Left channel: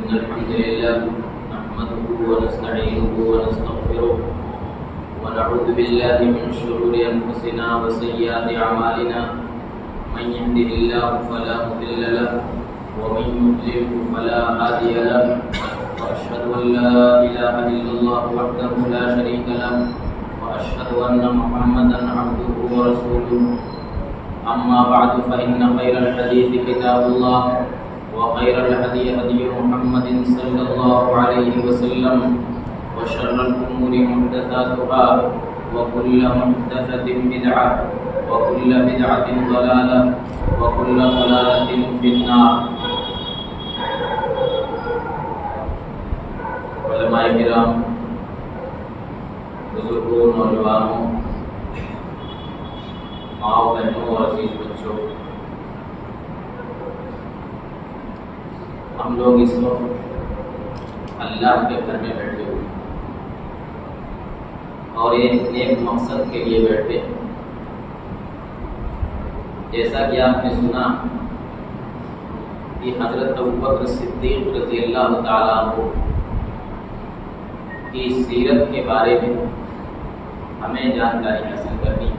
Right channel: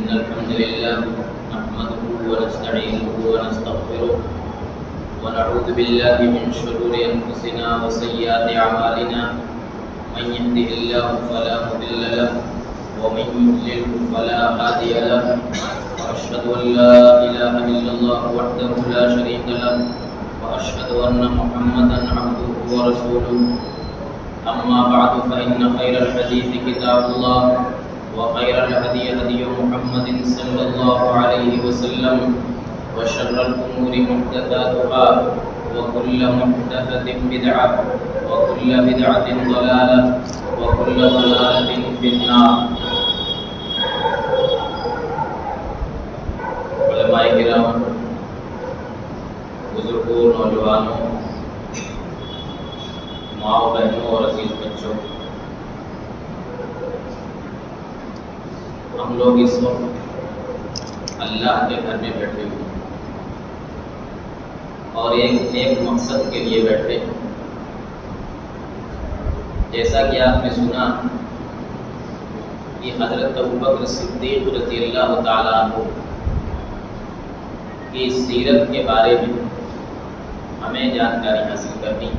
إن الحمد لله نحمده ونستعينه ونستغفره ونعوذ بالله من شرور أنفسنا وسيئات أعمالنا من يهده الله فلا مضل له ومن يضلل فلا هادي له وأشهد أن لا إله إلا الله وحده لا شريك له وأشهد أن محمدا عبده ورسوله أما بعد فإن خير الحديث كتاب الله وخير الهدي هدي محمد صلى الله عليه وسلم وشر الأمور محدثاتها وكل محدثة بدعة وكل بدعة ضلالة وكل ضلالة في النار. علماء کرام، بزرگوں، نوجوانوں، ماں بہنوں اور عزیز بچوں، ہم لوگ اس وقت اللہ کے گھر میں بیٹھے ہوئے اور ایک نیک مقصد کے لیے بیٹھے. جیسا کہ آپ نے سنا کہ حضرت ابوبکر صدیق رضی اللہ تعالیٰ عنہ کی سیرت کے بارے میں ہمیں جانکاری حاصل کرنی.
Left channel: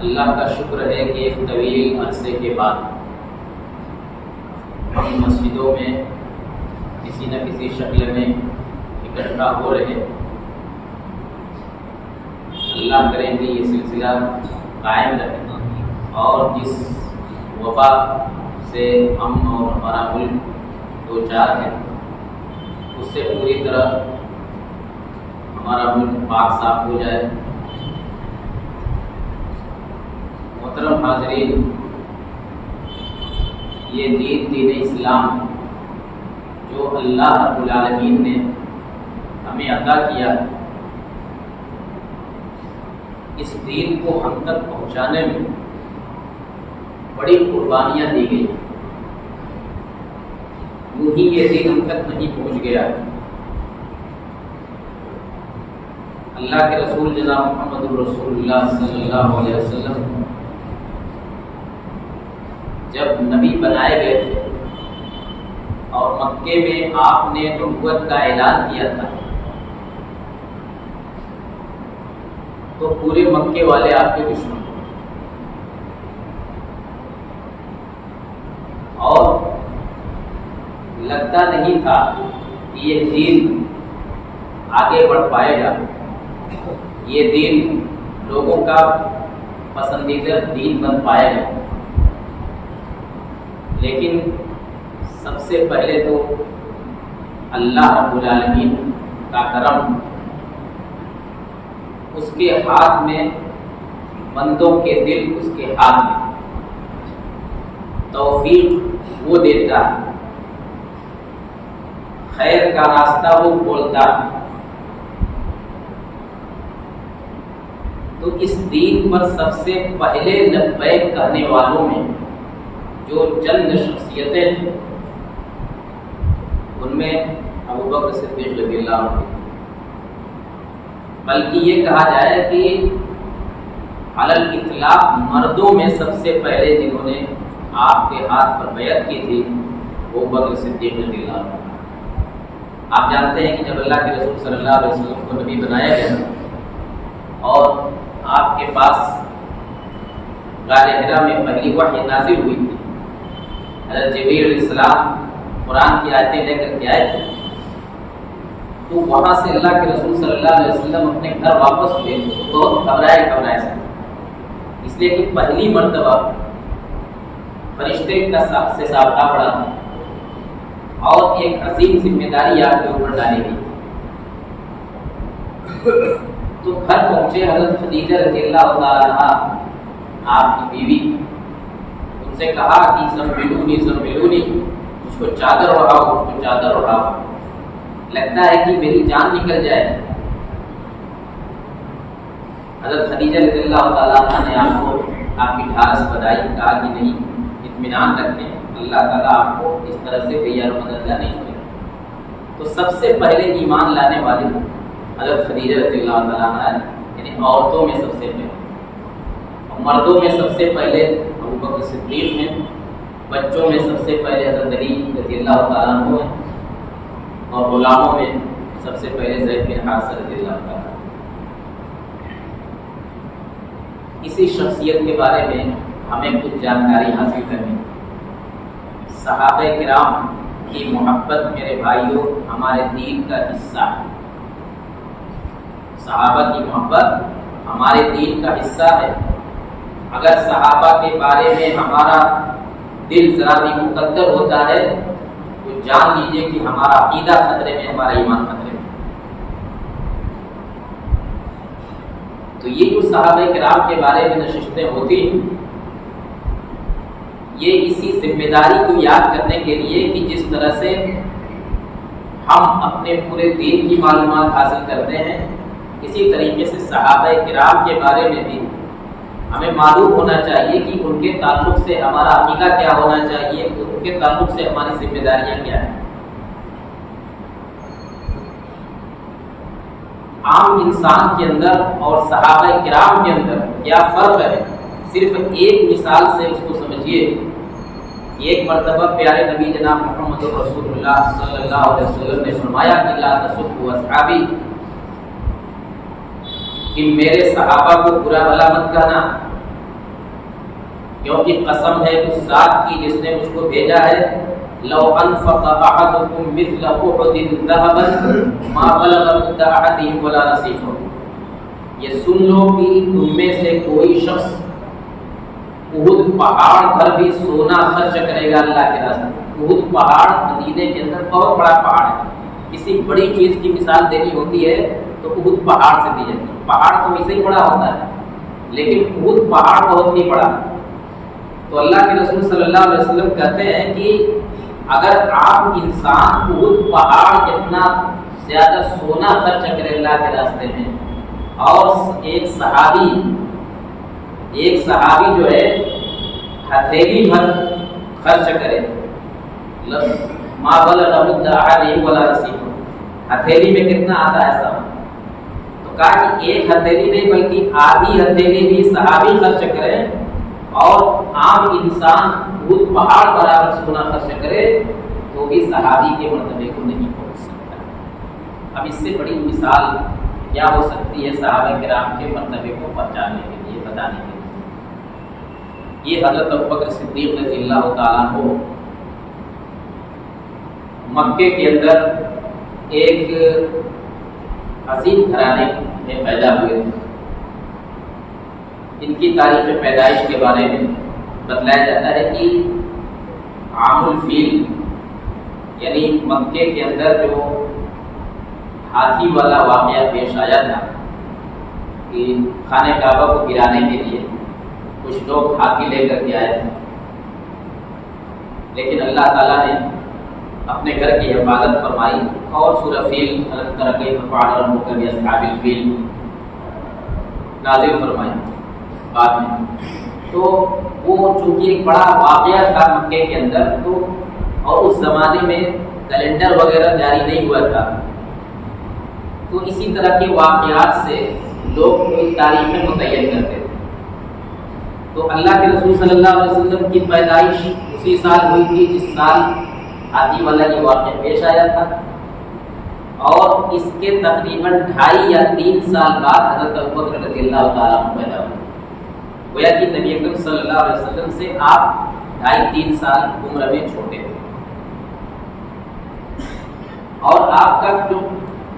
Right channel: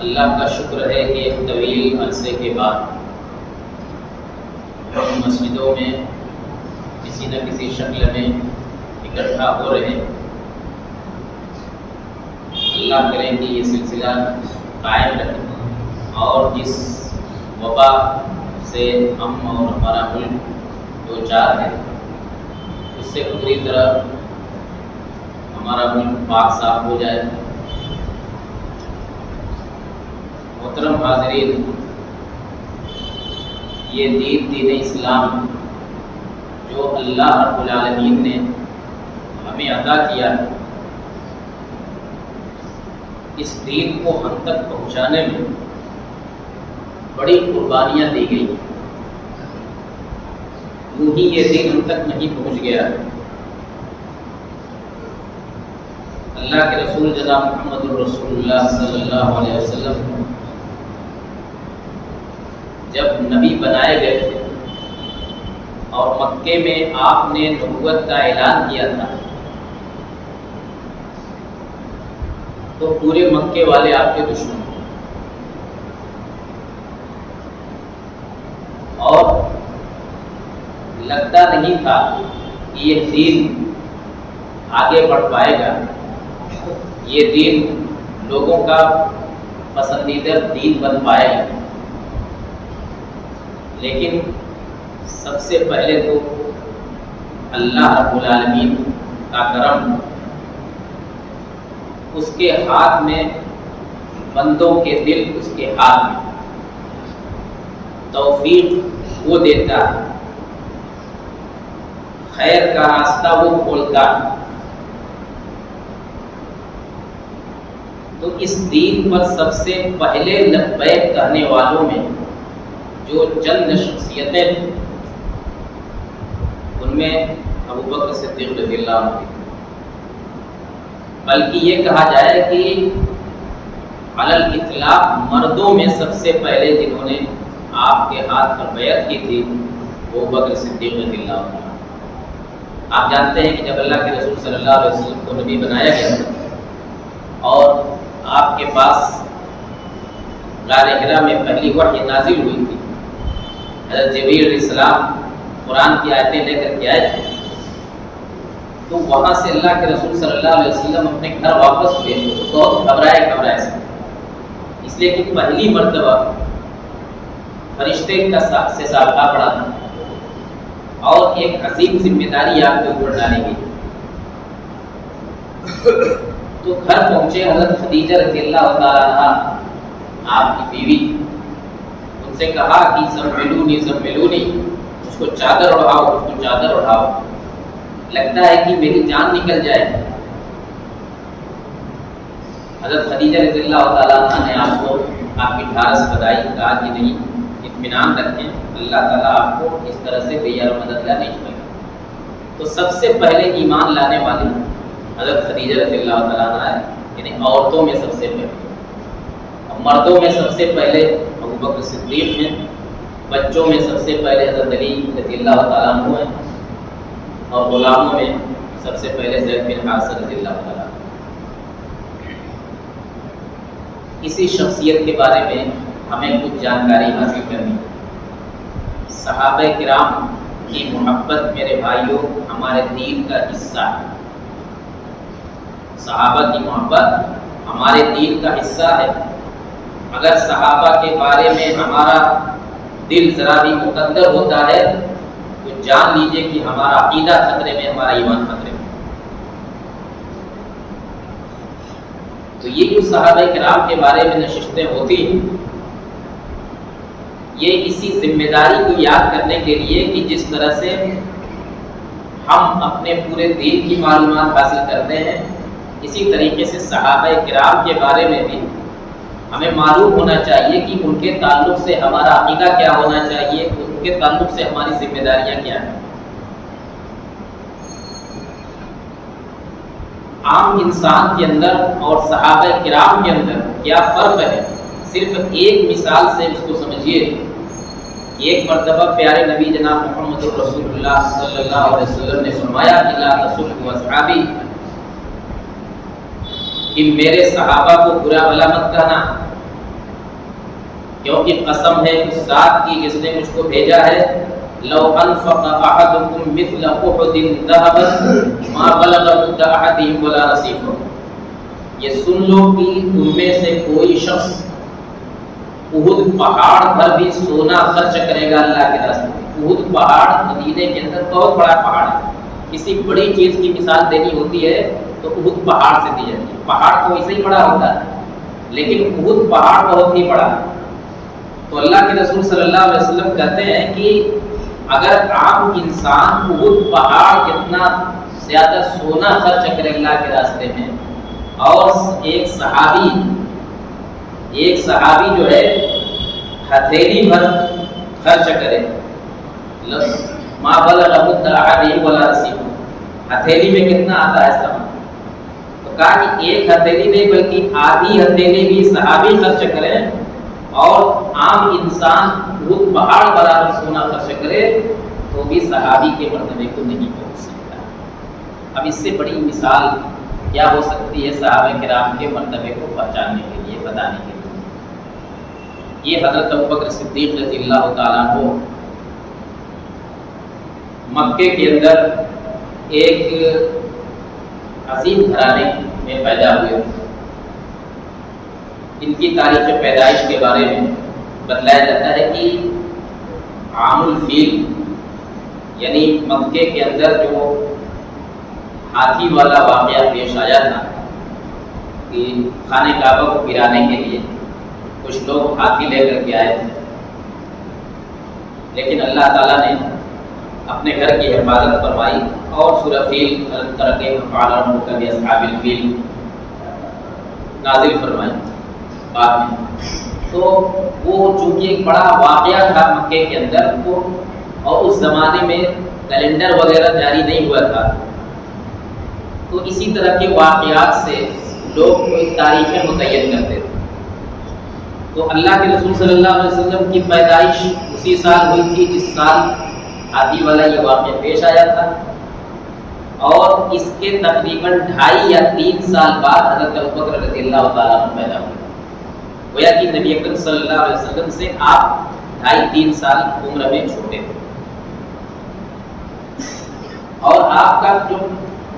اللہ کا شکر ہے کہ ایک طویل عرصے کے بعد ہم مسجدوں میں کسی نہ کسی شکل میں اکٹھا ہو رہے ہیں. اللہ کریں کہ یہ سلسلہ قائم رہے اور جس وبا سے ہم اور ہمارا ملک دو چار ہے اس سے پوری طرح ہمارا ملک پاک صاف ہو جائے. محترم حاضرین، یہ دین اسلام جو اللہ رب العالمین نے ہمیں عطا کیا، اس دین کو ہم تک پہنچانے میں بڑی قربانیاں دی گئی. یوں ہی یہ دین ہم تک نہیں پہنچ گیا. اللہ کے رسول جناب محمد الرسول اللہ صلی اللہ علیہ وسلم جب نبی بنائے گئے تھے اور مکے میں آپ نے نبوت کا اعلان کیا تھا تو پورے مکے والے آپ کے دشمن تھے اور لگتا نہیں تھا کہ یہ دین آگے بڑھ پائے گا، یہ دین لوگوں کا پسندیدہ دین بن پائے گا. لیکن سب سے پہلے تو اللہ رب العالمین کا کرم، اس کے ہاتھ میں، بندوں کے دل اس کے ہاتھ میں، توفیق وہ دیتا، خیر کا راستہ وہ کھولتا. تو اس دین پر سب سے پہلے لبیک کہنے والوں میں جو چند شخصیتیں تھیں ان میں ابوبکر صدیق رضی اللہ عنہ تھے. بلکہ یہ کہا جائے کہ علی الاطلاق مردوں میں سب سے پہلے جنہوں نے آپ کے ہاتھ پر بیعت کی تھی وہ ابوبکر صدیق رضی اللہ عنہ. آپ جانتے ہیں کہ جب اللہ کے رسول صلی اللہ علیہ وسلم کو نبی بنایا گیا تھا اور آپ کے پاس غار حرا میں پہلی وحی نازل ہوئی تھی، حضرت جبریل علیہ السلام قرآن کی آیتیں لے کر کے آئے تھے، تو وہاں سے اللہ کے رسول صلی اللہ علیہ وسلم اپنے گھر واپس ہوئے تو بہت گھبرائے سے، اس لیے کہ پہلی مرتبہ فرشتے کا سے سابقہ پڑا تھا اور ایک عظیم ذمہ داری آپ کے اوپر ڈالی گئی. تو گھر پہنچے حضرت خدیجہ رضی اللہ تعالیٰ عنہا آپ کی بیوی، ان سے کہا کہ زملونی زملونی، مجھ کو چادر اڑاؤ، مجھ کو چادر اڑاؤ، لگتا ہے کہ میری جان نکل جائے. حضرت خدیجہ رضی اللہ تعالیٰ عنہ نے آپ کو آپ کی ڈھارس بدائی، کہا کہ نہیں، اطمینان رکھیں، اللہ تعالیٰ آپ کو اس طرح سے بے یار مددگار نہیں چھوڑے گا. تو سب سے پہلے ایمان لانے والی حضرت خدیجہ رضی اللہ تعالیٰ عنہ ہے، یعنی عورتوں میں سب سے پہلے. مردوں میں سب سے پہلے ابوبکر صدیق ہیں بچوں میں سب سے پہلے حضرت علی رضی اللہ تعالیٰ عنہ ہیں، اور غلاموں میں سب سے پہلے زید بن حارثہ رضی اللہ تعالیٰ عنہ۔ اسی شخصیت کے بارے میں ہمیں کچھ جانکاری حاصل کرنی ہے۔ صحابہ کرام کی محبت میرے بھائیوں ہمارے دین کا حصہ ہے۔ صحابہ کی محبت ہمارے دین کا حصہ ہے۔ اگر صحابہ کے بارے میں ہمارا دل ذرا بھی مقدر ہوتا ہے تو جان لیجئے کہ ہمارا عقیدہ خطرے میں، ہمارا ایمان خطرے میں۔ تو یہ جو صحابہ کرام کے بارے میں نشستیں ہوتی ہیں، یہ اسی ذمہ داری کو یاد کرنے کے لیے کہ جس طرح سے ہم اپنے پورے دین کی معلومات حاصل کرتے ہیں، اسی طریقے سے صحابہ کرام کے بارے میں بھی ہمیں معلوم ہونا چاہیے کہ ان کے تعلق سے ہمارا عقیدہ کیا ہونا چاہیے، ان کے تعلق سے ہماری ذمہ داریاں کیا ہیں۔ عام انسان کے اندر اور صحابہ کرام کے اندر کیا فرق ہے، صرف ایک مثال سے اس کو سمجھیے۔ ایک مرتبہ پیارے نبی جناب محمد رسول اللہ صلی اللہ علیہ وسلم نے فرمایا کہ لا تسبوا اصحابی، کہ میرے صحابہ کو برا بھلا مت کہنا، کیونکہ قسم ہے اس ذات کی جس نے مجھ کو بھیجا ہے، لو انفق احدکم مثل احد ذهبا ما بلغ مد احدهم ولا نصیفہ۔ یہ سن لو کہ تم میں سے کوئی شخص احد پہاڑ پر بھی سونا خرچ کرے گا اللہ کے راستے میں۔ احد پہاڑ مدینے کے اندر بہت بڑا پہاڑ ہے، کسی بڑی چیز کی مثال دینی ہوتی ہے تو احد پہاڑ سے دی جاتی ہے۔ پہاڑ تو ویسے ہی بڑا ہوتا ہے، لیکن احد پہاڑ بہت ہی بڑا ہے۔ تو اللہ کے رسول صلی اللہ علیہ وسلم کہتے ہیں کہ اگر عام انسان احد پہاڑ اتنا زیادہ سونا خرچ کرے اللہ کے راستے میں، اور ایک صحابی جو ہے ہتھیلی بھر خرچ کرے، ما بلغ مد احدهم ولا نصیفہ، ہتھیلی میں کتنا آتا ہے سب؟ تو کہا کہ ایک ہتھیلی نہیں بلکہ آدھی ہتھیلی بھی صحابی خرچ کرے اور عام انسان احد پہاڑ برابر سونا خرچ کرے تو بھی صحابی کے مرتبے کو نہیں پہنچ سکتا۔ اب اس سے بڑی مثال کیا ہو سکتی ہے صحابہ کرام کے مرتبے کو پہچاننے کے لیے، بتانے کے لیے؟ یہ حضرت ابوبکر صدیق رضی اللہ تعالیٰ عنہ مکے کے اندر ایک عظیم گھرانے میں پیدا ہوئے۔ ان کی تاریخ پیدائش کے بارے میں بتلایا جاتا ہے کہ عام الفیل یعنی مکے کے اندر جو ہاتھی والا واقعہ پیش آیا تھا کہ خانہ کعبہ کو گرانے کے لیے کچھ لوگ ہاتھی لے کر کے آئے تھے، لیکن اللہ تعالیٰ نے اپنے گھر کی حفاظت فرمائی اور سورہ فیل الم تر کیف فعل ربک باصحاب الفیل نازل فرمائی بعد میں۔ تو وہ چونکہ ایک بڑا واقعہ تھا مکے کے اندر، تو اور اس زمانے میں کیلنڈر وغیرہ جاری نہیں ہوا تھا، تو اسی طرح کے واقعات سے لوگ کوئی تاریخیں متعین کرتے تھے۔ تو اللہ کے رسول صلی اللہ علیہ وسلم کی پیدائش اسی سال ہوئی تھی جس سال ہاتھی والا یہ واقعہ پیش آیا تھا، اور اس کے تقریباً 2.5 یا 3 سال بعد حضرت ابوبکر رضی اللہ تعالیٰ عنہ پیدا ہوئے۔ گویا کہ نبی اکرم صلی اللہ علیہ وسلم سے آپ 2.5-3 سال عمر میں چھوٹے تھے، اور آپ کا جو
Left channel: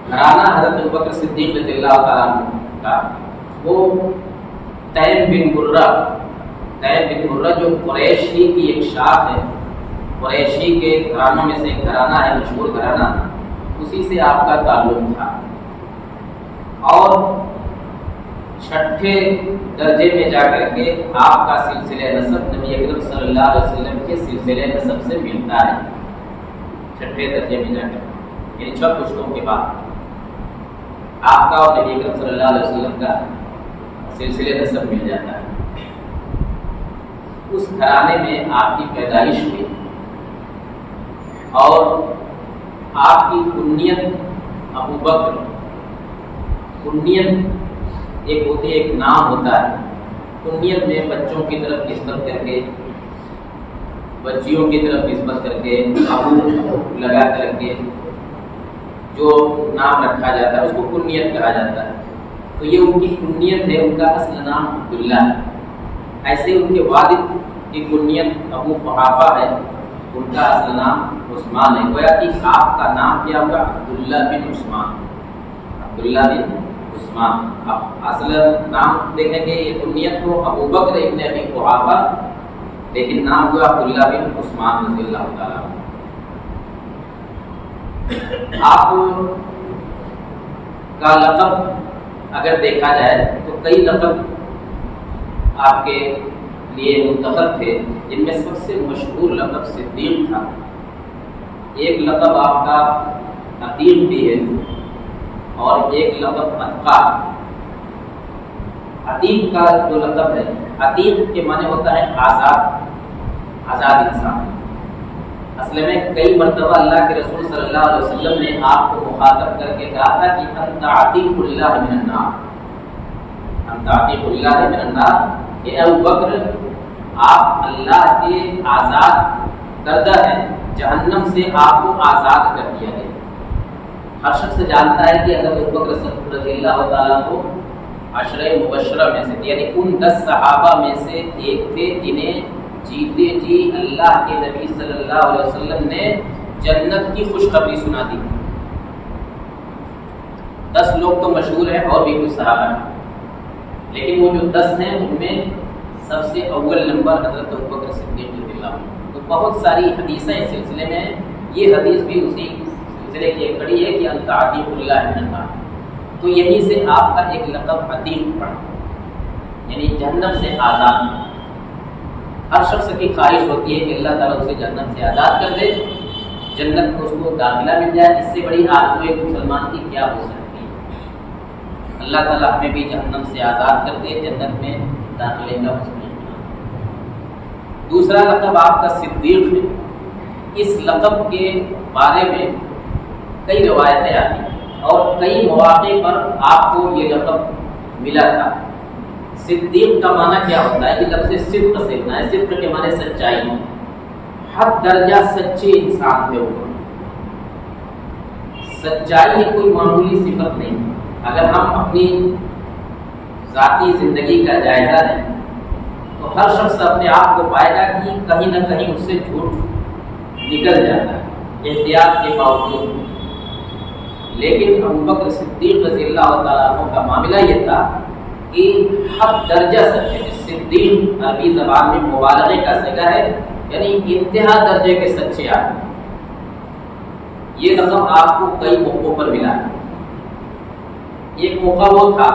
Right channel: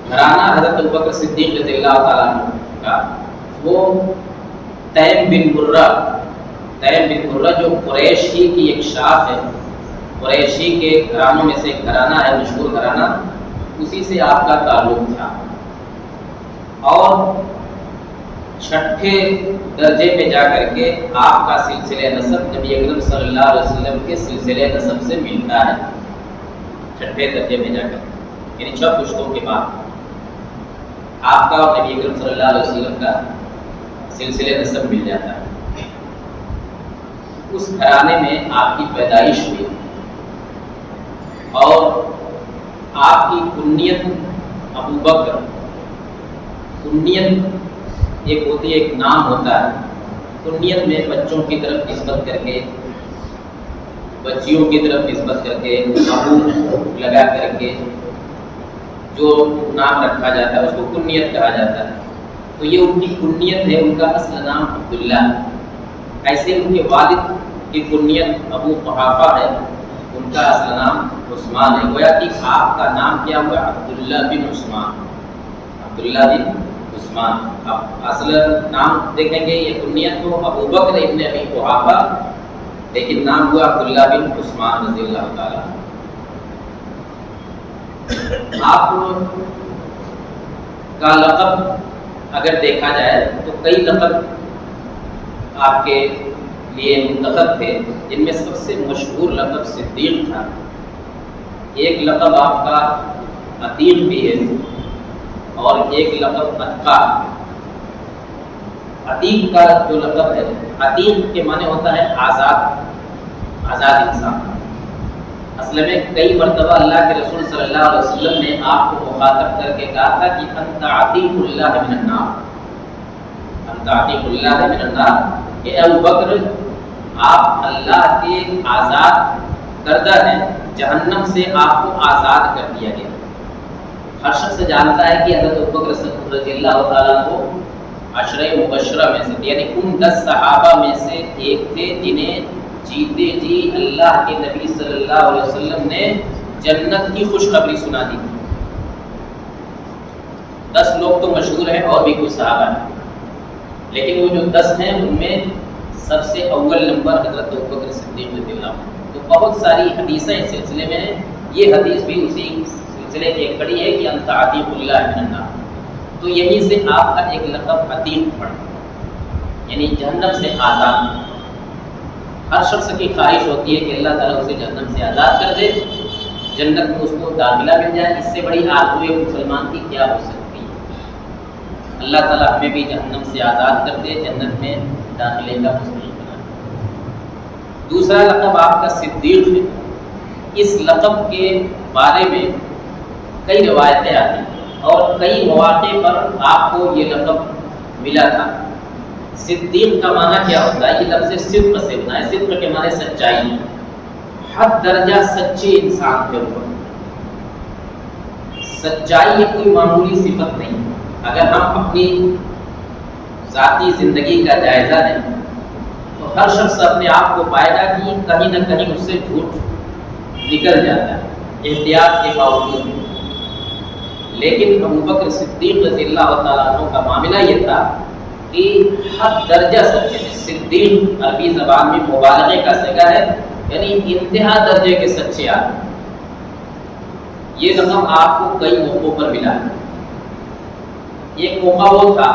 گھرانہ حضرت ابوبکر صدیق رضی اللہ تعالیٰ عنہ کا وہ تیم بن مرہ جو قریشی کی ایک شاخ ہے، قریشی کے گھرانوں میں سے ایک گھرانہ ہے، مشہور گھرانہ، اسی سے آپ کا تعلق تھا۔ اور 6 درجے میں جا کر کے آپ کا سلسلہ نسب نبی اکرم صلی اللہ علیہ وسلم کے سلسلہ نسب سے ملتا ہے، 6 درجے میں جا کر، یعنی 6 پشتوں کے بعد آپ کا اور نبی اکرم صلی اللہ علیہ وسلم کا سلسلہ نسب مل جاتا ہے۔ اس گھرانے میں آپ کی پیدائش ہوئی، اور آپ کی کنیت ابو بکر، کنیت ایک ہوتی ہے، ایک نام ہوتا ہے، کنیت میں بچوں کی طرف نسبت کر کے بچیوں کی طرف نسبت کر کے ابو لگا کر کے جو نام رکھا جاتا ہے اس کو کنیت کہا جاتا ہے. تو یہ ان کی کنیت ہے، ان کا اصل نام عبداللہ ہے. ایسے ان کے والد کی کنیت ابو قحافہ ہے، ان کا اصل نام عثمان ہے. گویا کہ آپ کا نام کیا ہوا؟ عبداللہ بن عثمان. عبداللہ بن عثمان. اب اصل نام دیکھیں گے، یہ کنیت تو ابو بکر ابن ابی قحافہ، لیکن نام ہوا عبداللہ بن عثمان رضی اللہ تعالیٰ. آپ کا لقب اگر دیکھا جائے تو کئی لقب آپ کے لیے منتخب تھے، جن میں سب سے مشہور لقب صدیق تھا. ایک لقب آپ کا عتیق بھی ہے اور ایک لقب اتقا. عتیق کا جو لقب ہے، عتیق کے معنی ہوتا ہے آزاد انسان. اصل میں کئی مرتبہ اللہ کے رسول صلی اللہ علیہ وسلم نے آپ کو مخاطب کر کے کہا تھا کہ انت عتیق اللہ من النار، انت عتیق اللہ من النار، کہ ابو بکر آپ اللہ کے آزاد کردہ ہیں، جہنم سے آپ کو آزاد کر دیا گیا. ہر شخص جانتا ہے کہ حضرت ابو بکر صدیق رضی اللہ تعالیٰ کو عشرہ مبشرہ میں سے، یعنی ان 10 صحابہ میں سے ایک تھے جنہیں جیتے جی اللہ کے نبی صلی اللہ علیہ وسلم نے جنت کی خوشخبری سنا دی. 10 لوگ تو مشہور ہیں اور بھی کچھ صحابہ ہیں، لیکن وہ جو 10 ہیں ان میں سب سے اول نمبر حضرت ابوبکر صدیق رضی اللہ عنہ. تو بہت ساری حدیثیں اس سلسلے میں ہیں، یہ حدیث بھی اسی سلسلے کی ایک کڑی ہے کہ انت عتیق اللہ من النار. تو یہیں سے آپ کا ایک لقب عتیق پڑا، یعنی جہنم سے آزاد. ہر شخص کی خواہش ہوتی ہے کہ اللہ تعالیٰ اسے جہنم سے آزاد کر دے، جنت میں اس کو داخلہ مل جائے. اس سے بڑی آرزو ایک مسلمان کی کیا ہو سکتی ہے؟ اللہ تعالیٰ ہمیں بھی جہنم سے آزاد کر دے، جنت میں داخلے کا مستحق بنا دے. دوسرا لقب آپ کا صدیق ہے. اس لقب کے بارے میں کئی روایتیں آتی ہیں اور کئی مواقع پر آپ کو یہ لقب ملا تھا. صدیق کا معنی کیا ہوتا ہے؟ یہ لفظ صدق سے بنا ہے. صدق کے معنی سچائی، حد درجہ سچے انسان تھے. اوپر سچائی یہ کوئی معمولی صفت نہیں. اگر ہم اپنی ذاتی زندگی کا جائزہ لیں تو ہر شخص اپنے آپ کو پائے گا کہ کہیں نہ کہیں اس سے جھوٹ نکل جاتا ہے احتیاط کے باوجود. لیکن ابوبکر صدیق رضی اللہ تعالیٰ عنہ کا معاملہ یہ تھا کہ حد درجہ سچے تھے. صدیق عربی زبان میں مبالغے کا صیغہ ہے، یعنی انتہا درجے کے سچے آدمی. یہ لقب آپ کو کئی موقعوں پر ملا. ایک موقع وہ تھا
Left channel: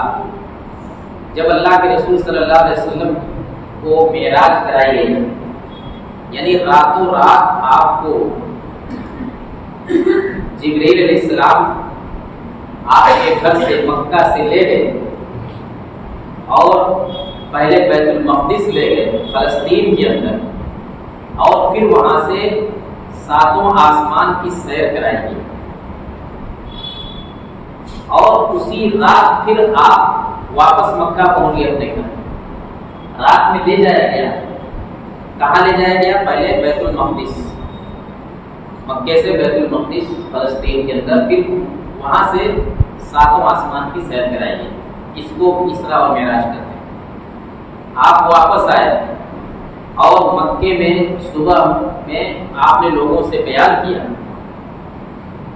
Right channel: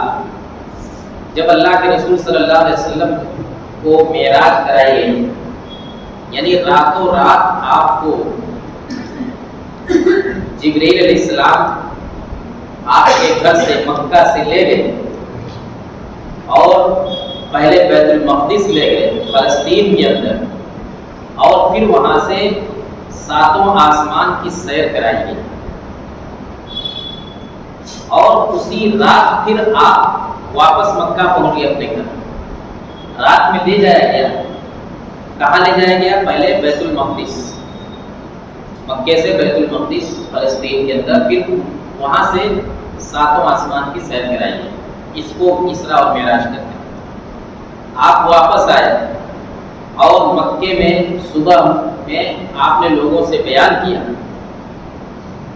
جب اللہ کے رسول صلی اللہ علیہ وسلم کو معراج کرائی گئی، یعنی راتوں رات آپ کو جبرائیل علیہ السلام آپ کے گھر سے مکہ سے لے گئے اور پہلے بیت المقدس لے گئے فلسطین کے اندر، اور پھر وہاں سے 7 آسمان کی سیر کرائی گئی، اور اسی رات پھر آپ واپس مکہ پہنچ گئے اپنے گھر. رات میں لے جایا گیا. کہاں لے جایا گیا؟ پہلے بیت المقدس، مکے سے بیت المقدس فلسطین کے اندر، پھر وہاں سے 7 آسمان کی سیر کرائی گئی. اس کو اسرا اور معراج کرتے ہیں. آپ واپس آئے اور مکے میں صبح میں آپ نے لوگوں سے بیان کیا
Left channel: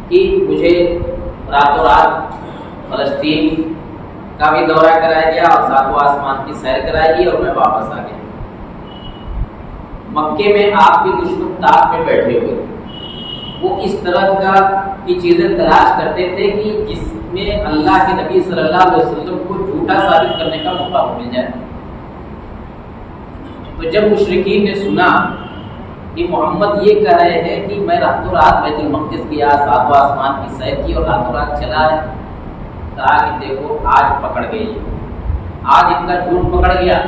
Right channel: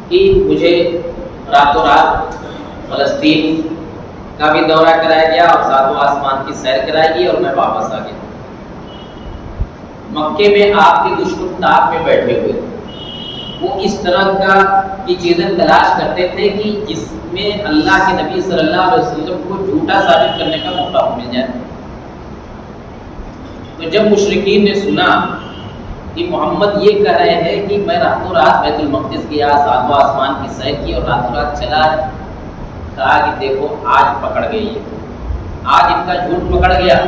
کہ مجھے راتوں رات فلسطین کا بھی دورہ کرایا گیا اور 7 آسمان کی سیر کرائی گئی اور میں واپس آ گیا. مکے میں آپ کے دشمن تاپ میں بیٹھے ہوئے تھے. وہ اس طرح کی چیزیں تلاش کرتے تھے کہ جس میں اللہ کے نبی صلی اللہ علیہ وسلم کو جھوٹا ثابت کرنے کا موقع مل جائے. تو جب مشرکین نے سنا کہ محمد یہ کہہ رہے ہیں کہ میں راتوں رات بیت المقدس گیا، 7 آسمان کی سیر کی اور راتوں رات چلا، کہا کہ دیکھو آج پکڑ گئی، آج ان کا جھوٹ پکڑ گیا.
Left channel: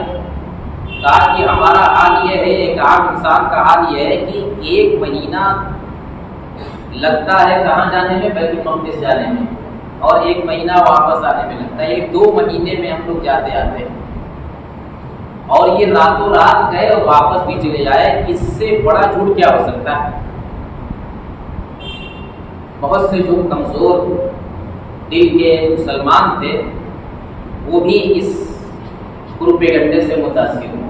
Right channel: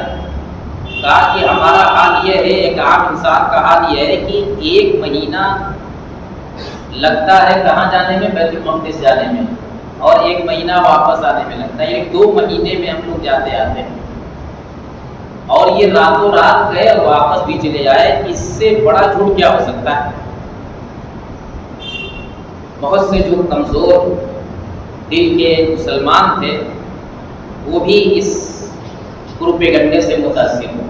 کہا کہ ہمارا حال یہ ہے، ایک عام انسان کا حال یہ ہے کہ 1 مہینہ لگتا ہے کہاں جانے میں؟ بیت المقدس جانے میں، اور 1 مہینہ واپس آنے میں لگتا ہے، یعنی 2 مہینے میں ہم لوگ جاتے آتے ہیں. اور یہ راتوں رات گئے اور واپس بھی چلے جائے، اس سے بڑا جھوٹ کیا ہو سکتا ہے؟ بہت سے جو کمزور دل کے مسلمان تھے وہ بھی اس پروپیگنڈے سے متاثر ہوئے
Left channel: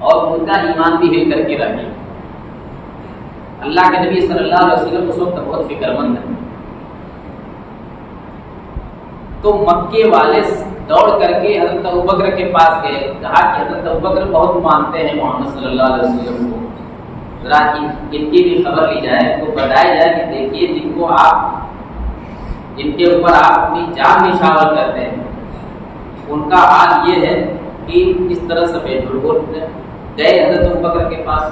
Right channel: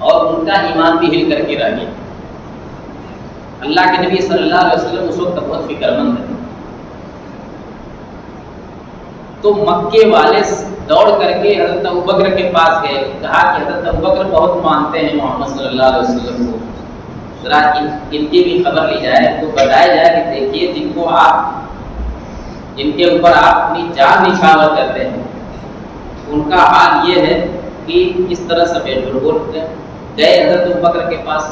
اور ان کا ایمان بھی ہل کر کے رہ گیا۔ اللہ کے نبی صلی اللہ علیہ وسلم اس وقت بہت فکر مند ہے، تو مکے والے دوڑ کر کے حضرت ابوبکر کے پاس گئے، کہا کہ حضرت ابوبکر بہت مانتے ہیں محمد صلی اللہ علیہ وسلم کو، ذرا ان کی بھی خبر لی جائے، تو بتایا جائے کہ دیکھیے جن کے اوپر آپ اپنی جان نچھاور کرتے ہیں ان کا حال یہ ہے کہ اس طرح سے بے جھوٹ بولتے ہیں۔ گئے حضرت ابوبکر کے پاس،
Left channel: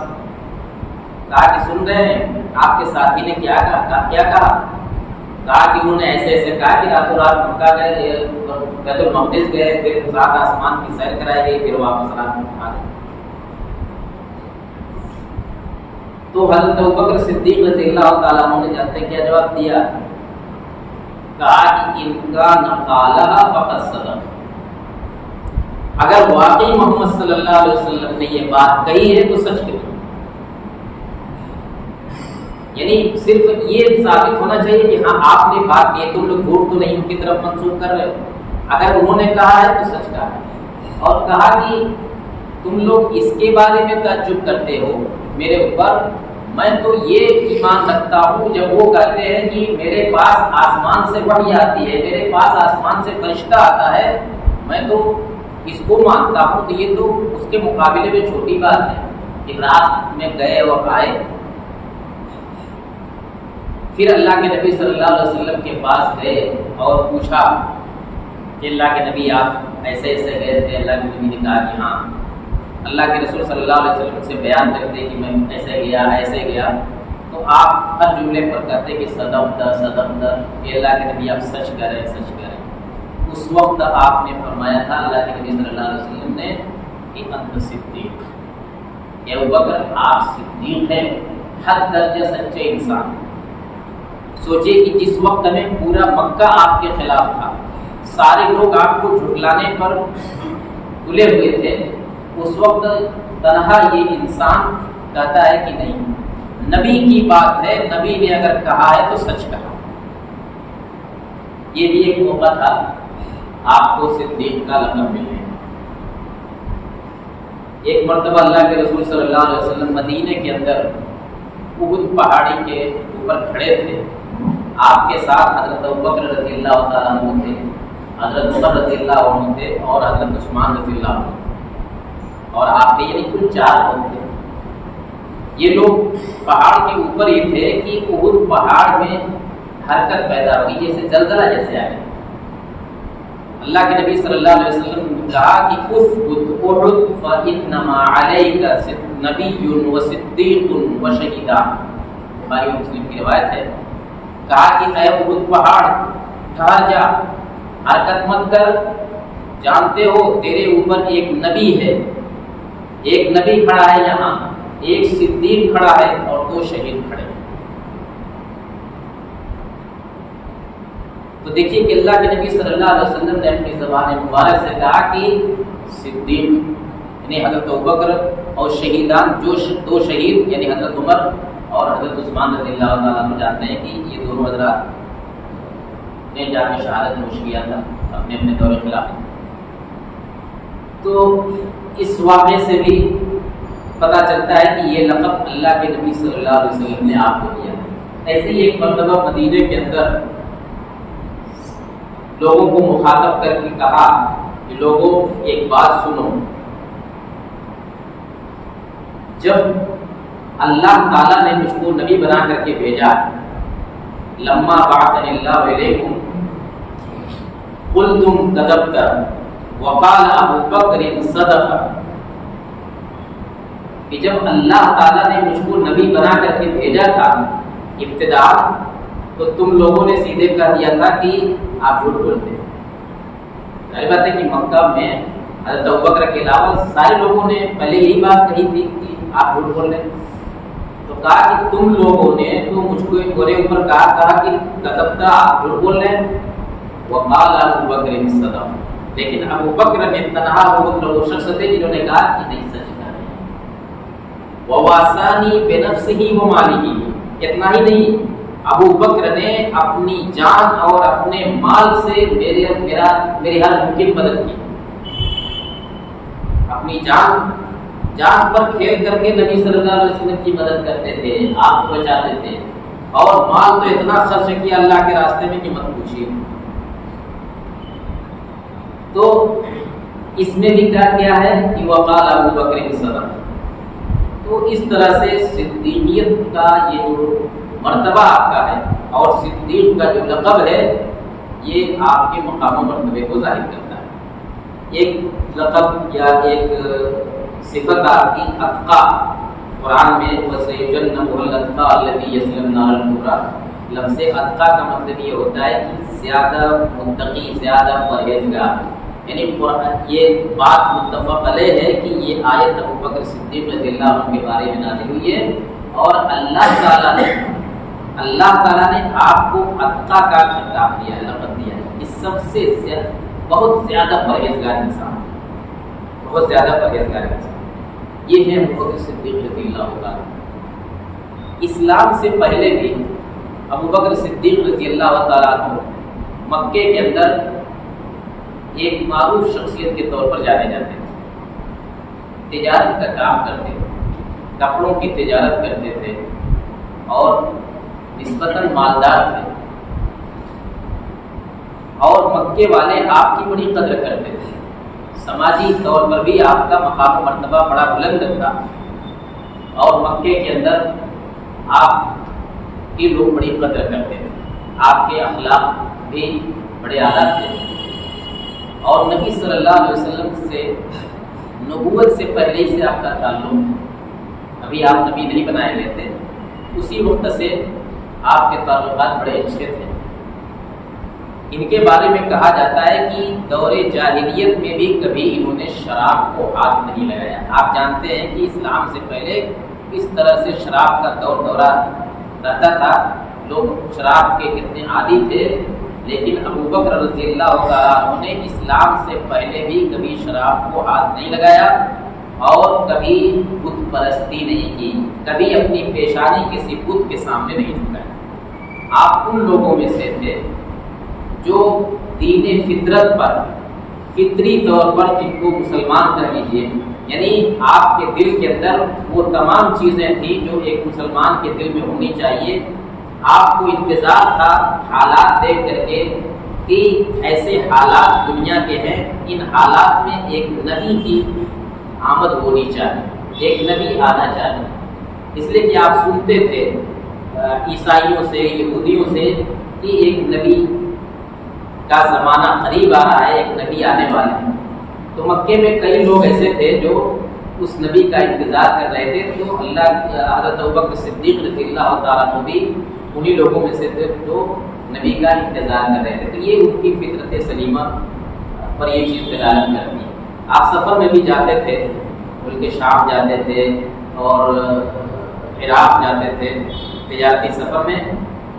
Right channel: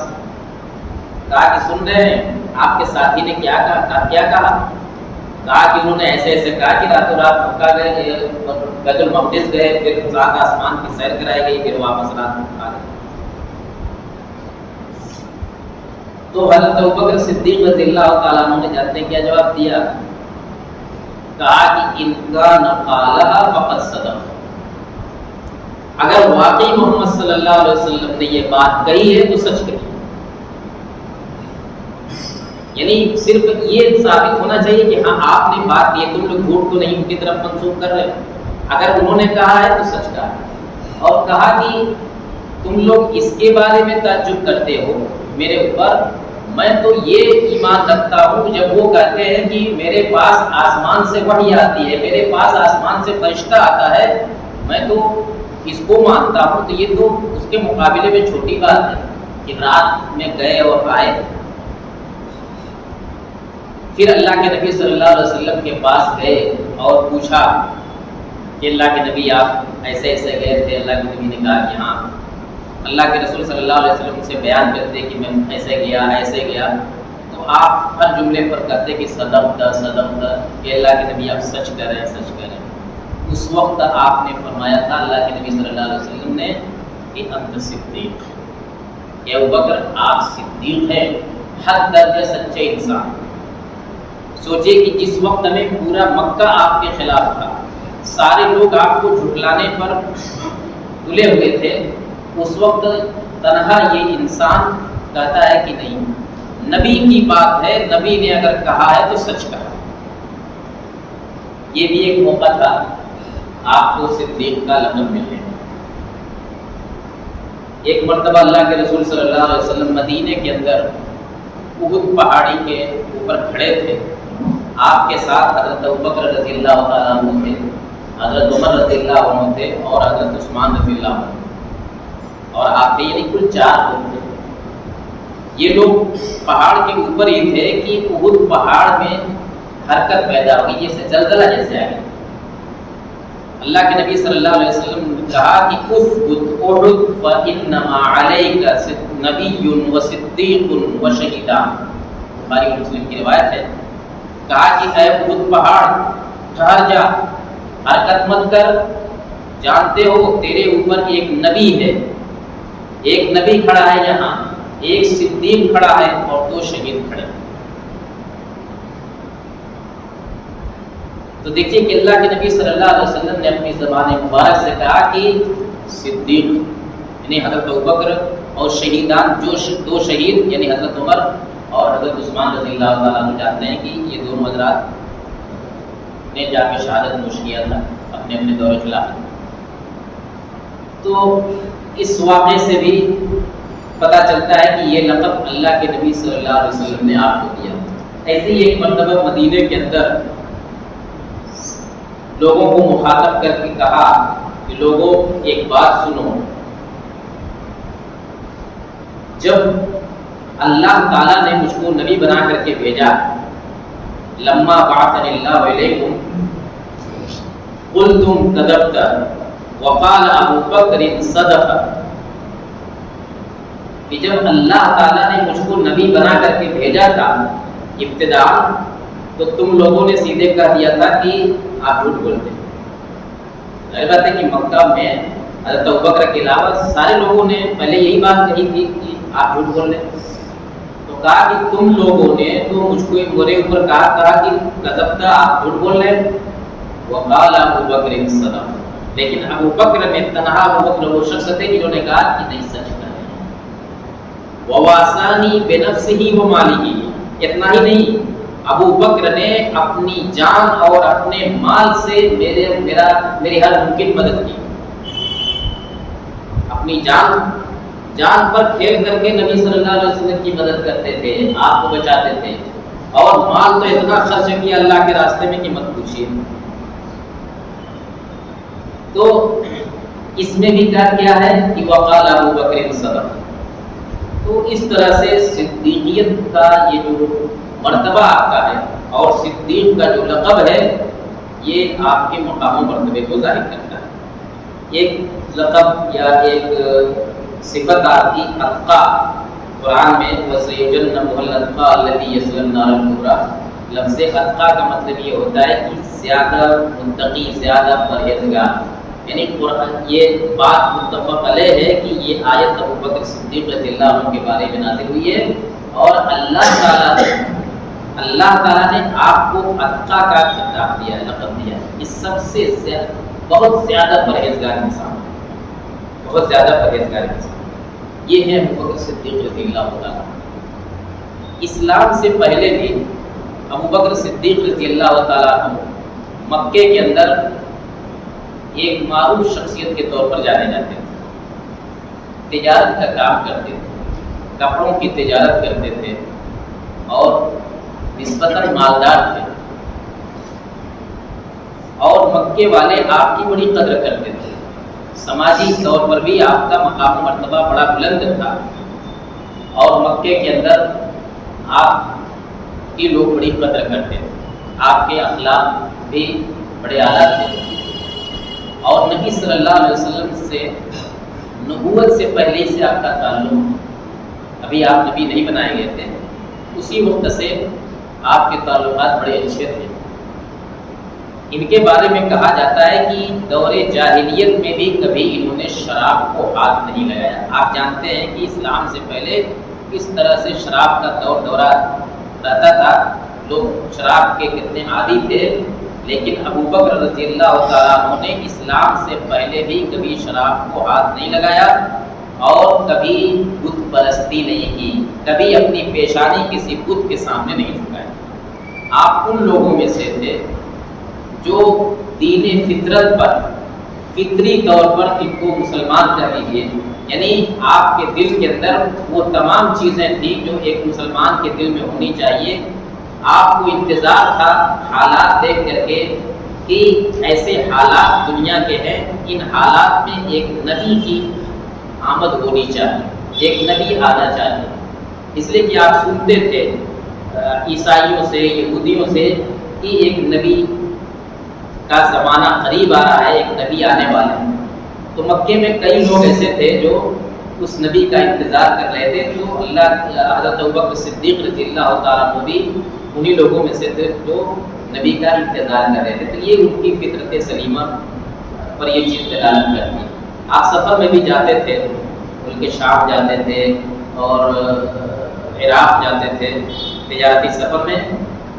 کہا کہ سن رہے ہیں آپ کے ساتھی نے کیا کہا کہ انہوں نے ایسے ایسے کہا کہ راتوں رات مکہ گئے، بیت المقدس گئے، پھر 7 آسمان کی سیر کرائی گئی، پھر واپس رات میں آ گئے۔ تو حضرت ابوبکر صدیق رضی اللہ تعالیٰ عنہ نے جانتے کیا جواب دیا؟ کہا کہ ان کا نقالہ فقط صدق، اگر واقعی محمد صلی اللہ علیہ وسلم نے یہ بات کہی ہے تو سچ کہی، یعنی صرف یہ ثابت ہونا چاہیے کہ ہاں آپ نے بات کی، تم لوگ جھوٹ تو نہیں ان کی طرف منسوخ کر رہے ہو، اگر انہوں نے کہا ہے تو سچ کہا ہے۔ اور کہا کہ تم لوگ اس کے بارے میں تعجب کرتے ہو میرے اوپر، میں تو یہ ایمان رکھتا ہوں جب وہ کہتے ہیں کہ میرے پاس آسمان سے وحی آتی ہے، میرے پاس آسمان سے فرشتہ آتا ہے، میں تو اس کو مانتا ہوں، تو یہ تو اس کے مقابلے میں چھوٹی بات ہے کہ رات میں گئے اور آئے۔ پھر اللہ کے نبی صلی اللہ علیہ وسلم کے پاس گئے اور پوچھا کہ اللہ کے نبی آپ ایسے ایسے گئے تھے؟ اللہ کے نبی نے کہا کہ ہاں۔ اللہ کے رسول صلی اللہ علیہ وسلم سے بیان کرتے کہ میں ایسے گیا، تو آپ ہر جملے پر کہتے کہ صدقت، کہ اللہ کے نبی آپ سچ کریں۔ اس وقت آپ نے فرمایا تھا، اللہ کے نبی صلی اللہ علیہ وسلم نے، کہ انت صدیق، کہ ابوبکر آپ صدیق ہیں، حد درجہ سچے انسان۔ سوچئے کہ جس وقت میں پورا مکہ آپ کے خلاف تھا، سارے لوگ آپ کو جھٹلانے پر تلے ہوئے تھے، اس وقت تنہا یہ انسان کہتا ہے کہ نہیں، نبی کی بات ہے، نبی نے اگر کہا ہے تو سچ کہا۔ یہ بھی ایک موقع تھا آپ کو صدیق کا لقب ملنے۔ ایک مرتبہ اللہ کے رسول صلی اللہ علیہ وسلم مدینے کے اندر احد پہاڑی کے اوپر کھڑے تھے، آپ کے ساتھ حضرت ابوبکر رضی اللہ تعالیٰ عنہ تھے، حضرت عمر رضی اللہ عنہ تھے اور حضرت عثمان رضی اللہ عنہ، اور آپ تھے، یعنی کل 4 لوگ تھے۔ یہ لوگ پہاڑ کے اوپر ہی تھے کہ احد پہاڑ میں حرکت پیدا ہوئی، جیسے زلزلہ جیسے آئے۔ اللہ کے نبی صلی اللہ علیہ وسلم نے کہا کہ اثبت احد فانما علیک نبی و صدیق و شہیدان، بخاری و مسلم کی روایت ہے۔ کہا کہ اے احد پہاڑ ٹھہر جا، حرکت مت کر، جانتے ہو تیرے اوپر ایک نبی ہے، ایک نبی کھڑا ہے یہاں، ایک صدیق کھڑا ہے اور 2 شہید کھڑے۔ تو دیکھیے کہ اللہ کے نبی صلی اللہ علیہ وسلم نے اپنی زبان مبارک سے کہا کہ صدیق یعنی حضرت ابوبکر اور شہیدان، جو 2 شہید یعنی حضرت عمر اور حضرت عثمان رضی اللہ تعالیٰ عنہ، جانتے ہیں کہ یہ دونوں حضرات نے جا کے شہادت نوش کیا تھا اپنے اپنے دور خلافت۔ تو اس واقعے سے بھی پتہ چلتا ہے کہ یہ لقب اللہ کے نبی صلی اللہ علیہ وسلم نے آپ کو دیا۔ ایسے ہی ایک مرتبہ مدینے کے اندر لوگوں کو مخاطب کر کے کہا کہ لوگوں ایک بات سنو، جب اللہ تعالیٰ نے مجھ کو نبی بنا کر کے بھیجا، لما بعثنی اللہ علیکم قلتم کذبت وقال ابو بکر صدق، کہ جب اللہ تعالیٰ نے مجھ کو نبی بنا کر کے بھیجا تھا ابتدا، تو تم لوگوں نے سیدھے کہہ دیا تھا کہ آپ جھوٹ بولتے ہیں۔ ظاہر بات ہے کہ مکہ میں حضرت ابوبکر کے علاوہ سارے لوگوں نے پہلے یہی بات کہی تھی کہ آپ جھوٹ بول رہے ہیں۔ تو کہا کہ تم لوگوں نے تو مجھ کو میرے اوپر کہا کہ کذبتا، آپ جھوٹ بول رہے ہیں، وقال ابو بکر صدق، لیکن ابو بکر نے تنہا ابو بکر وہ شخص تھے جنہوں نے کہا کہ نہیں سچ کہہ رہے ہیں. وواسانی بنفسہ ومالہ، اتنا ہی نہیں، ابو بکر نے اپنی جان اور اپنے مال سے میری ہر ممکن مدد کی. اپنی جان پر کھیل کر کے نبی صلی اللہ علیہ وسلم کی مدد کرتے تھے، آپ کو بچاتے تھے، اور مال تو اتنا خرچ کیا اللہ کے راستے میں کہ مت پوچھیے. تو اس میں بھی کیا ہے کہ وقال ابو بکر صدق. تو اس طرح سے صدیقیت کا یہ جو مرتبہ آپ کا ہے اور صدیق کا جو لقب ہے یہ آپ کے مقام و مرتبے کو ظاہر کرتا ہے. ایک لقب یا ایک صفت آپ کی اتقا، قرآن میں وَسَيُجَنَّبُهَا الْأَتْقَى الَّذِي يَصْلَى النَّارَ الْكُبْرَى، لفظ اتقا کا مطلب یہ ہوتا ہے کہ زیادہ متقی، زیادہ پرہیزگار. یعنی یہ بات متفق علیہ ہے کہ یہ آیت ابو بکر صدیق رضی اللہ عنہ کے بارے میں نازل ہوئی ہے، اور اللہ تعالیٰ نے آپ کو اتقا کا خطاب دیا ہے، لقب دیا ہے. اس سب سے بہت زیادہ پرہیزگار انسان، بہت زیادہ پرہیزگار انسان یہ ہے ابو بکر صدیق رضی اللہ عنہ. اسلام سے پہلے بھی ابو بکر صدیق رضی اللہ تعالیٰ عنہ مکے کے اندر ایک معروف شخصیت کے طور پر جانے جاتے تھے. تجارت کا کام کرتے تھے، کپڑوں کی تجارت کرتے تھے، اور نسبتاً مالدار تھے، اور مکے والے آپ کی بڑی قدر کرتے تھے. سماجی طور پر بھی آپ کا مقام و مرتبہ بڑا بلند تھا، اور مکے کے اندر آپ کی لوگ بڑی قدر کرتے تھے. آپ کے اخلاق بھی بڑے اعلیٰ تھے، اور نبی صلی اللہ علیہ وسلم سے نبوت سے پہلے سے آپ کا تعلق، ابھی آپ نبی نہیں بنائے گئے تھے، اسی وقت سے آپ کے تعلقات بڑے اچھے تھے. ان کے بارے میں کہا جاتا ہے کہ دور جاہلیت میں بھی کبھی انہوں نے شراب کو ہاتھ نہیں لگایا. آپ جانتے ہیں کہ اسلام سے پہلے کس طرح سے شراب کا دورہ رہتا تھا، لوگ شراب کے کتنے عادی تھے. لیکن ابو بکر رضی اللہ تعالیٰ عنہ نے اسلام سے پہلے بھی کبھی شراب کو ہاتھ نہیں لگایا، اور کبھی بت پرستی نہیں کی، کبھی اپنی پیشانی کسی بت کے سامنے نہیں جھکایا. آپ ان لوگوں میں سے تھے جو دین فطرت پر، فطری طور پر ان کو مسلمان کہہ لیجیے، یعنی آپ کے دل کے اندر وہ تمام چیزیں تھیں جو ایک مسلمان کے دل میں ہونی چاہیے. آپ کو انتظار تھا حالات دیکھ کر کے کہ ایسے حالات دنیا کے ہیں، ان حالات میں ایک نبی کی آمد ہونی چاہیے، ایک نبی آنا چاہیے. اس لیے کہ آپ سنتے تھے عیسائیوں سے، یہودیوں سے کہ ایک نبی کا زمانہ قریب آ رہا ہے، ایک نبی آنے والے ہیں. تو مکے میں کئی لوگ ایسے تھے جو اس نبی کا انتظار کر رہے تھے. تو حضرت ابوبکر صدیق رضی اللہ تعالیٰ عنہ بھی انہی لوگوں میں سے تھے جو نبی کا انتظار کر رہے تھے. تو یہ ان کی فطرت سلیمہ پر یہ چیز دلالت کرتی ہے. آپ سفر میں بھی جاتے تھے، ملک شام جاتے تھے اور عراق جاتے تھے تجارتی سفر میں،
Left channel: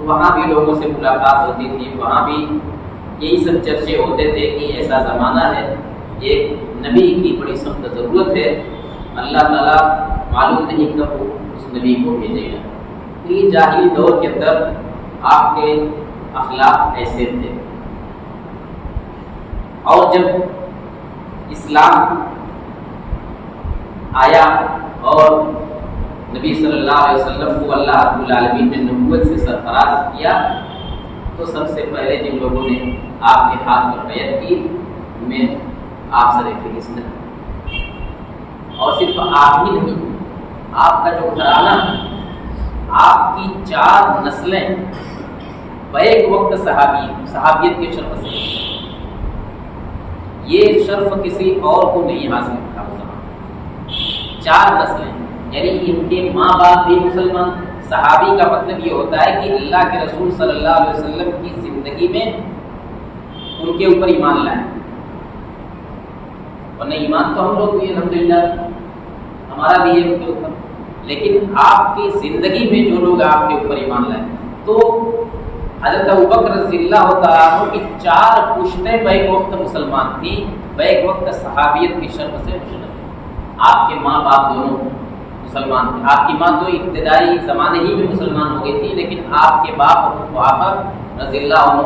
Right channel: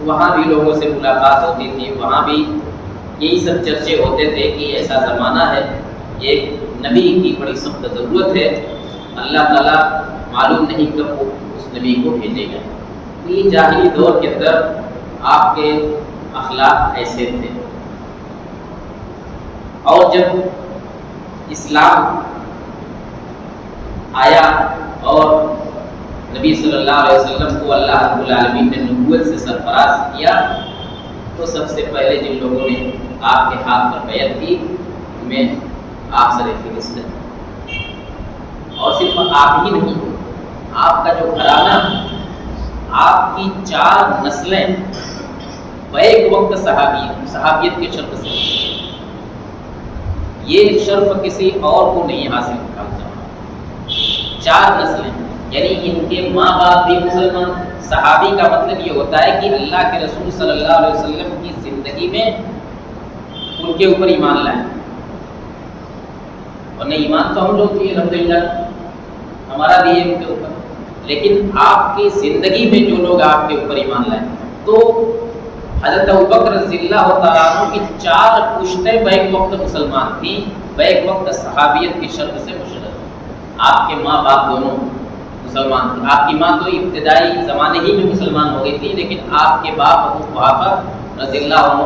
وہاں بھی لوگوں سے ملاقات ہوتی تھی، وہاں بھی یہی سب چرچے ہوتے تھے کہ ایسا زمانہ ہے، ایک نبی کی بڑی سخت ضرورت ہے، اللہ تعالیٰ معلوم نہیں کب وہ اس نبی کو بھیجے گا. یہ جاہلی دور کے اندر آپ کے اخلاق ایسے تھے. اور جب اسلام آیا اور نبی صلی اللہ علیہ وسلم کو اللہ رب العالمین نے نبوت سے سرفراز کیا، تو سب سے پہلے جن لوگوں نے آپ کے ہاتھ پر بیعت کی ان میں آپ سر فہرست ہیں. اور صرف آپ ہی نہیں، آپ کا جو گھرانہ، آپ کی 4 نسلیں بیک وقت صحابیت کے شرف سے، یہ شرف کسی اور کو نہیں حاصل تھا اس زمانے. 4 نسلیں، یعنی ان کے ماں باپ بھی مسلمان. صحابی کا مطلب یہ ہوتا ہے کہ اللہ کے رسول صلی اللہ علیہ وسلم کی زندگی میں ان کے اوپر ایمان لائیں. اور نہیں ایمان تو ہم لوگ بھی الحمدللہ ہمارا بھی ہے ان کے اوپر، لیکن آپ کی زندگی میں جو لوگ آپ کے اوپر ایمان لائیں، تو حضرت ابوبکر رضی اللہ تعالیٰ عنہ کی 4 پشتیں بیک وقت مسلمان تھیں، بیک وقت صحابیت کی شرط سے مشرف۔ آپ کے ماں باپ دونوں مسلمان تھے۔ آپ کی ماں تو ابتدائی زمانے ہی میں مسلمان ہو گئی تھی، لیکن آپ کے باپ ابو قحافہ رضی اللہ عنہ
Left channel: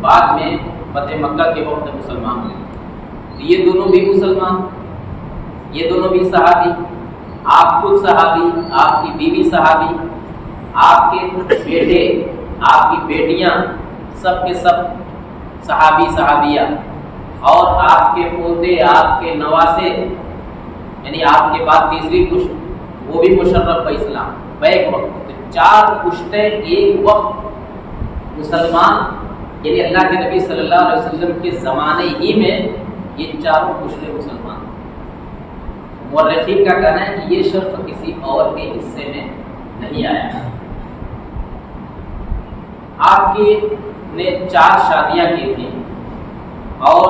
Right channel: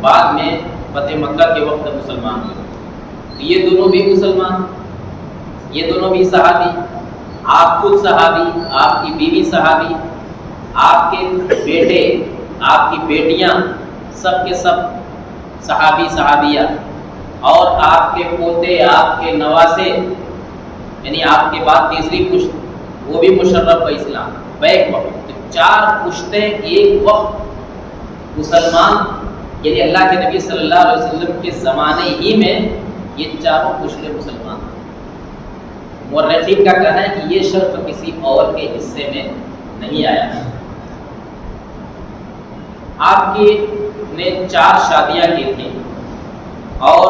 بعد میں فتح مکہ کے وقت مسلمان ہوئے۔ تو یہ دونوں بھی مسلمان، یہ دونوں بھی صحابی، آپ خود صحابی، آپ کی بیوی صحابی، آپ کے بیٹے، آپ کی بیٹیاں سب کے سب صحابی صحابیہ، اور آپ کے پوتے، آپ کے نواسے، یعنی آپ کے بعد تیسری پشت وہ بھی مشرف اسلام بیک وقت۔ تو 4 پشتیں ایک وقت مسلمان، یعنی اللہ کے نبی صلی اللہ علیہ وسلم کے زمانے ہی میں یہ 4 پشتیں مسلمان۔ مورخین کا کہنا ہے کہ یہ شرف کسی اور کے حصے میں نہیں آیا۔ آپ کی نے 4 شادیاں کی تھیں، اور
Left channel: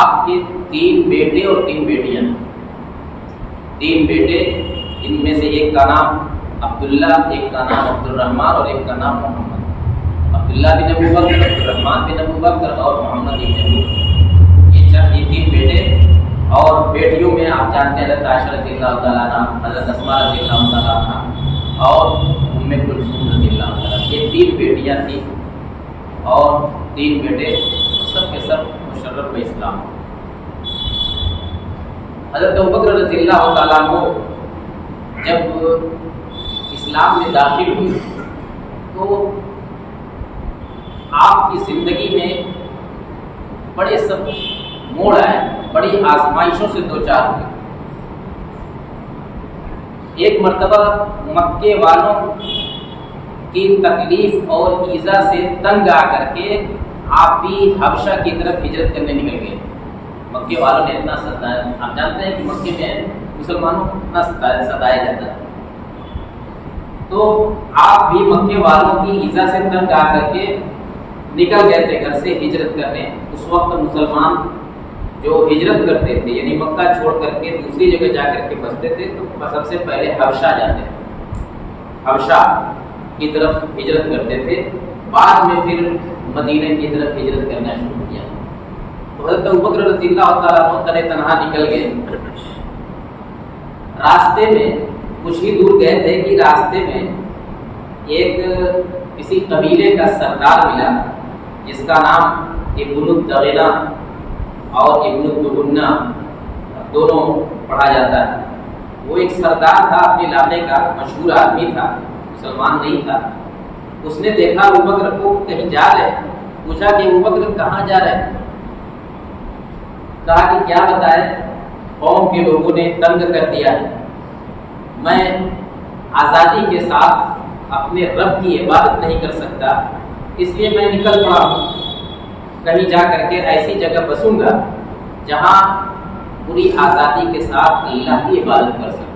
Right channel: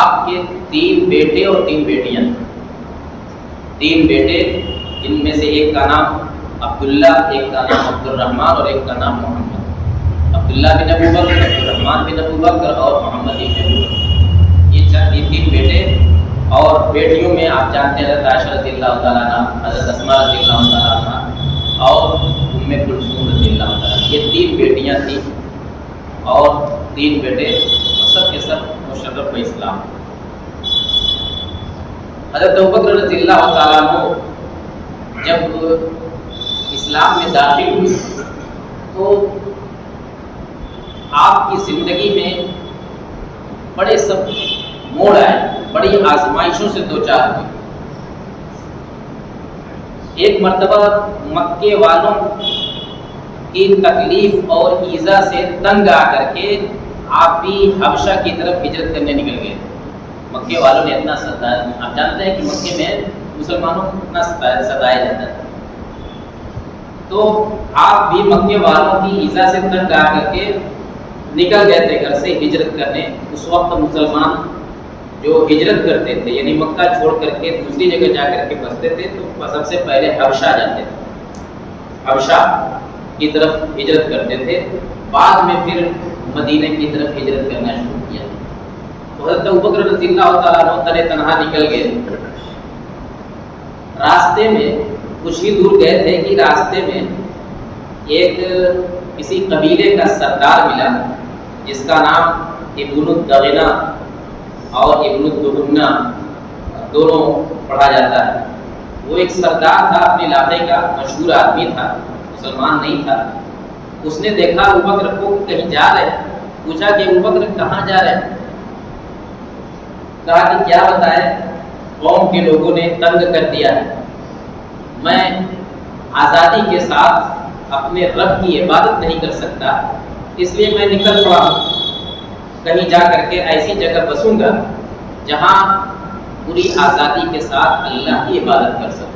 آپ کے 3 بیٹے اور 3 بیٹیاں، 3 بیٹے، ان میں سے ایک کا نام عبداللہ، ایک کا نام عبد الرحمن اور ایک کا نام محمد۔ عبداللہ بن ابو بکر، عبد الرحمن بن ابو بکر اور محمد بن ابو بکر، یہ 3 بیٹے۔ اور بیٹیوں میں آپ جانتے ہیں حضرت عائشہ رضی اللہ تعالیٰ عنہ، حضرت اسماء رضی اللہ تعالیٰ عنہ اور ام کلثوم رضی اللہ تعالیٰ عنہ، یہ 3 بیٹیاں تھیں اور 3 بیٹے، سب کے سب مشرف اسلام۔ حضرت ابوبکر رضی اللہ تعالیٰ عنہ جب اسلام میں داخل ہوئے تو آپ کی زندگی میں بڑے سب موڑ آئے، بڑی آزمائشوں سے دوچار ہوئے۔ ایک مرتبہ مکے والوں کی تکلیف اور ایذا سے تنگ آ کر کے آپ بھی حبشہ کی طرف ہجرت کرنے نکل گئے۔ مکے والوں نے اتنا ستایا، آپ جانتے ہیں کہ مکے میں مسلمانوں کو اتنا ستایا جاتا ہے، تو آپ بھی مکے والوں کی ایذا سے تنگ آ کر کے نکل گئے تھے گھر سے ہجرت کرنے۔ اس وقت مسلمان جو ہجرت کرتے تھے، یعنی مکہ چھوڑ کر کے دوسری جگہ جا کر کے بستے تھے، تو سب سے پہلے حبشہ جاتے تھے، حبشہ کی طرف ہجرت کرتے تھے، بعد میں پھر مدینہ کی طرف ہجرت کرنا شروع کیا۔ تو حضرت ابوبکر رضی اللہ تعالیٰ عنہ تنے تنہا نکل گئے۔ راستے میں کچھ ہی دور گئے تھے کہ راستے میں ایک کسی قبیلے کا سردار ملا، جس کا نام ابن الدغنہ اور ابن الدغنہ دونوں پڑھا جاتا ہے۔ وہ ایک سردار تھا، اپنے علاقے کا مشہور آدمی تھا، مسلمان نہیں تھا۔ اس نے دیکھا ابوبکر کو کہیں جا رہے، پوچھا کہ ابوبکر کہاں جا رہے؟ کہا کہ کیا بتائے، قوم کے لوگوں نے تنگ کر دیا ہے، میں آزادی کے ساتھ اپنے رب کی عبادت نہیں کر سکتا، اس لیے میں نکل پڑا ہوں، کہیں جا کر کے ایسی جگہ بسوں گا جہاں پوری آزادی کے ساتھ اللہ کی عبادت کر سکوں۔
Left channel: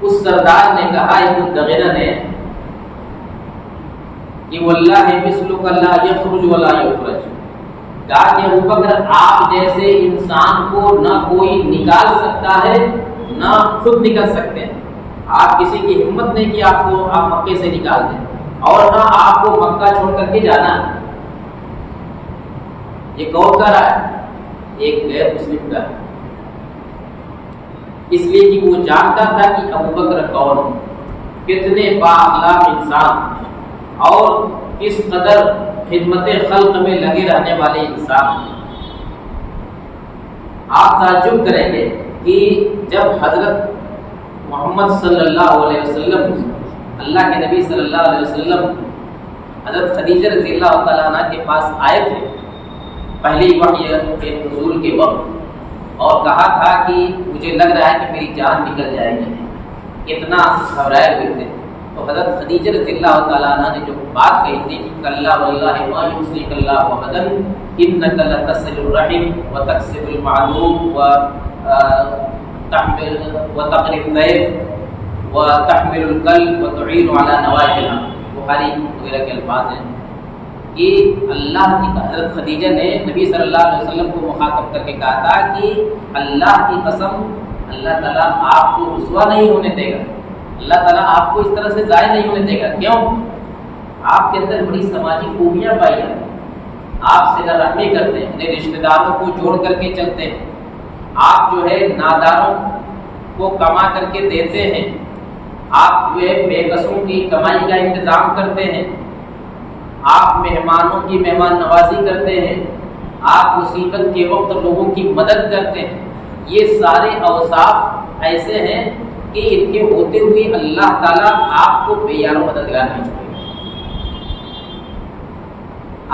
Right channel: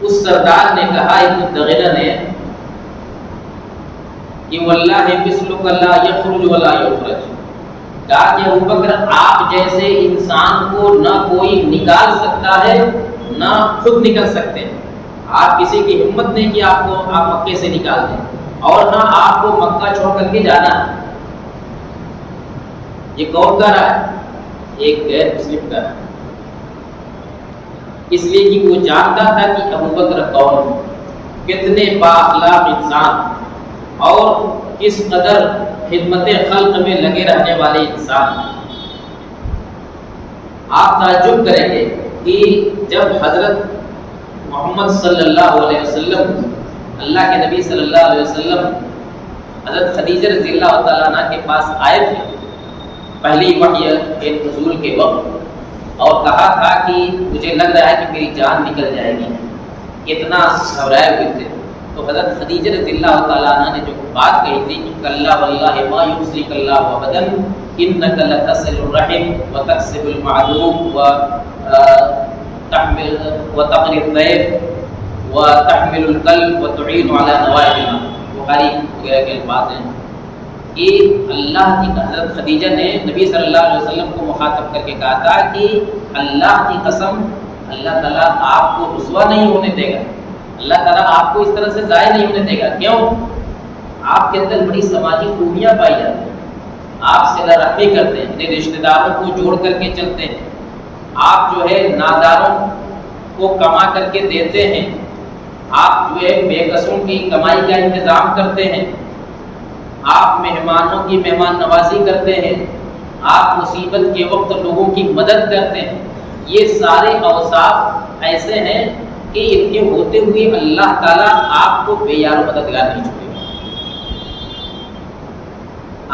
اس سردار نے کہا، ابن الدغنہ نے، کہ واللہ مثلک لا یخرج ولا یخرج، کہا کہ ابوبکر آپ جیسے انسان کو نہ کوئی نکال سکتا ہے نہ خود نکل سکتے ہیں۔ آپ کسی کی ہمت نہیں کہ آپ مکے سے نکال دیں، اور نہ آپ کو مکہ چھوڑ کر کے جانا ہے۔ یہ کون کہہ رہا ہے؟ ایک غیر مسلم کا ہے، اس لیے کہ وہ جانتا تھا کہ ابوبکر کون، کتنے بااخلاق انسان اور کس قدر خدمت خلق میں لگے رہنے والے انسان۔ آپ تعجب کریں گے کہ جب حضرت محمد صلی اللہ علیہ وسلم، اللہ کے نبی صلی اللہ علیہ وسلم حضرت خدیجہ رضی اللہ تعالیٰ عنہ کے پاس آئے تھے پہلی وحی کے نزول کے وقت، اور کہا تھا کہ مجھے لگ رہا ہے کہ میری جان نکل جائے گی، اتنا گھبرائے ہوئے تھے، تو حضرت خدیجہ رضی اللہ تعالیٰ عنہ نے جو بات کہی تھی کہ کلا واللہ ما یخزیک اللہ ابدا انک لتصل الرحم وتکسب المعدوم وتقری الضیف وتحمل الکلب وتعین علی نوائب الحق، بخاری وغیرہ کے الفاظ ہیں کہ اللہ کی، حضرت خدیجہ نے نبی صلی اللہ علیہ وسلم کو مخاطب کر کے کہا تھا کہ اللہ کی قسم، اللہ تعالیٰ آپ کو رسوا نہیں ہونے دے گا، اللہ تعالیٰ آپ کو اس طرح سے ضائع نہیں ہونے دے گا. کیوں؟ آپ کے اندر بڑی سماجی خوبیاں پائی جاتی ہیں. آپ صلہ رحمی کرتے ہیں، اپنے رشتہ داروں کو جوڑ کر کے چلتے ہیں. آپ جو ہے ناداروں کو کما کر کے دیتے ہیں. آپ جو ہے بے کسوں کی کمائی کا انتظام کرتے ہیں. آپ مہمانوں کی مہمان نوازی کرتے ہیں. آپ مصیبت کے وقت لوگوں کی مدد کرتے ہیں. یہ سارے اوصاف ایسے ہیں کہ ان کے ہوتے ہوئے اللہ تعالیٰ آپ کو بے یار و مددگار نہیں چھوڑے گا.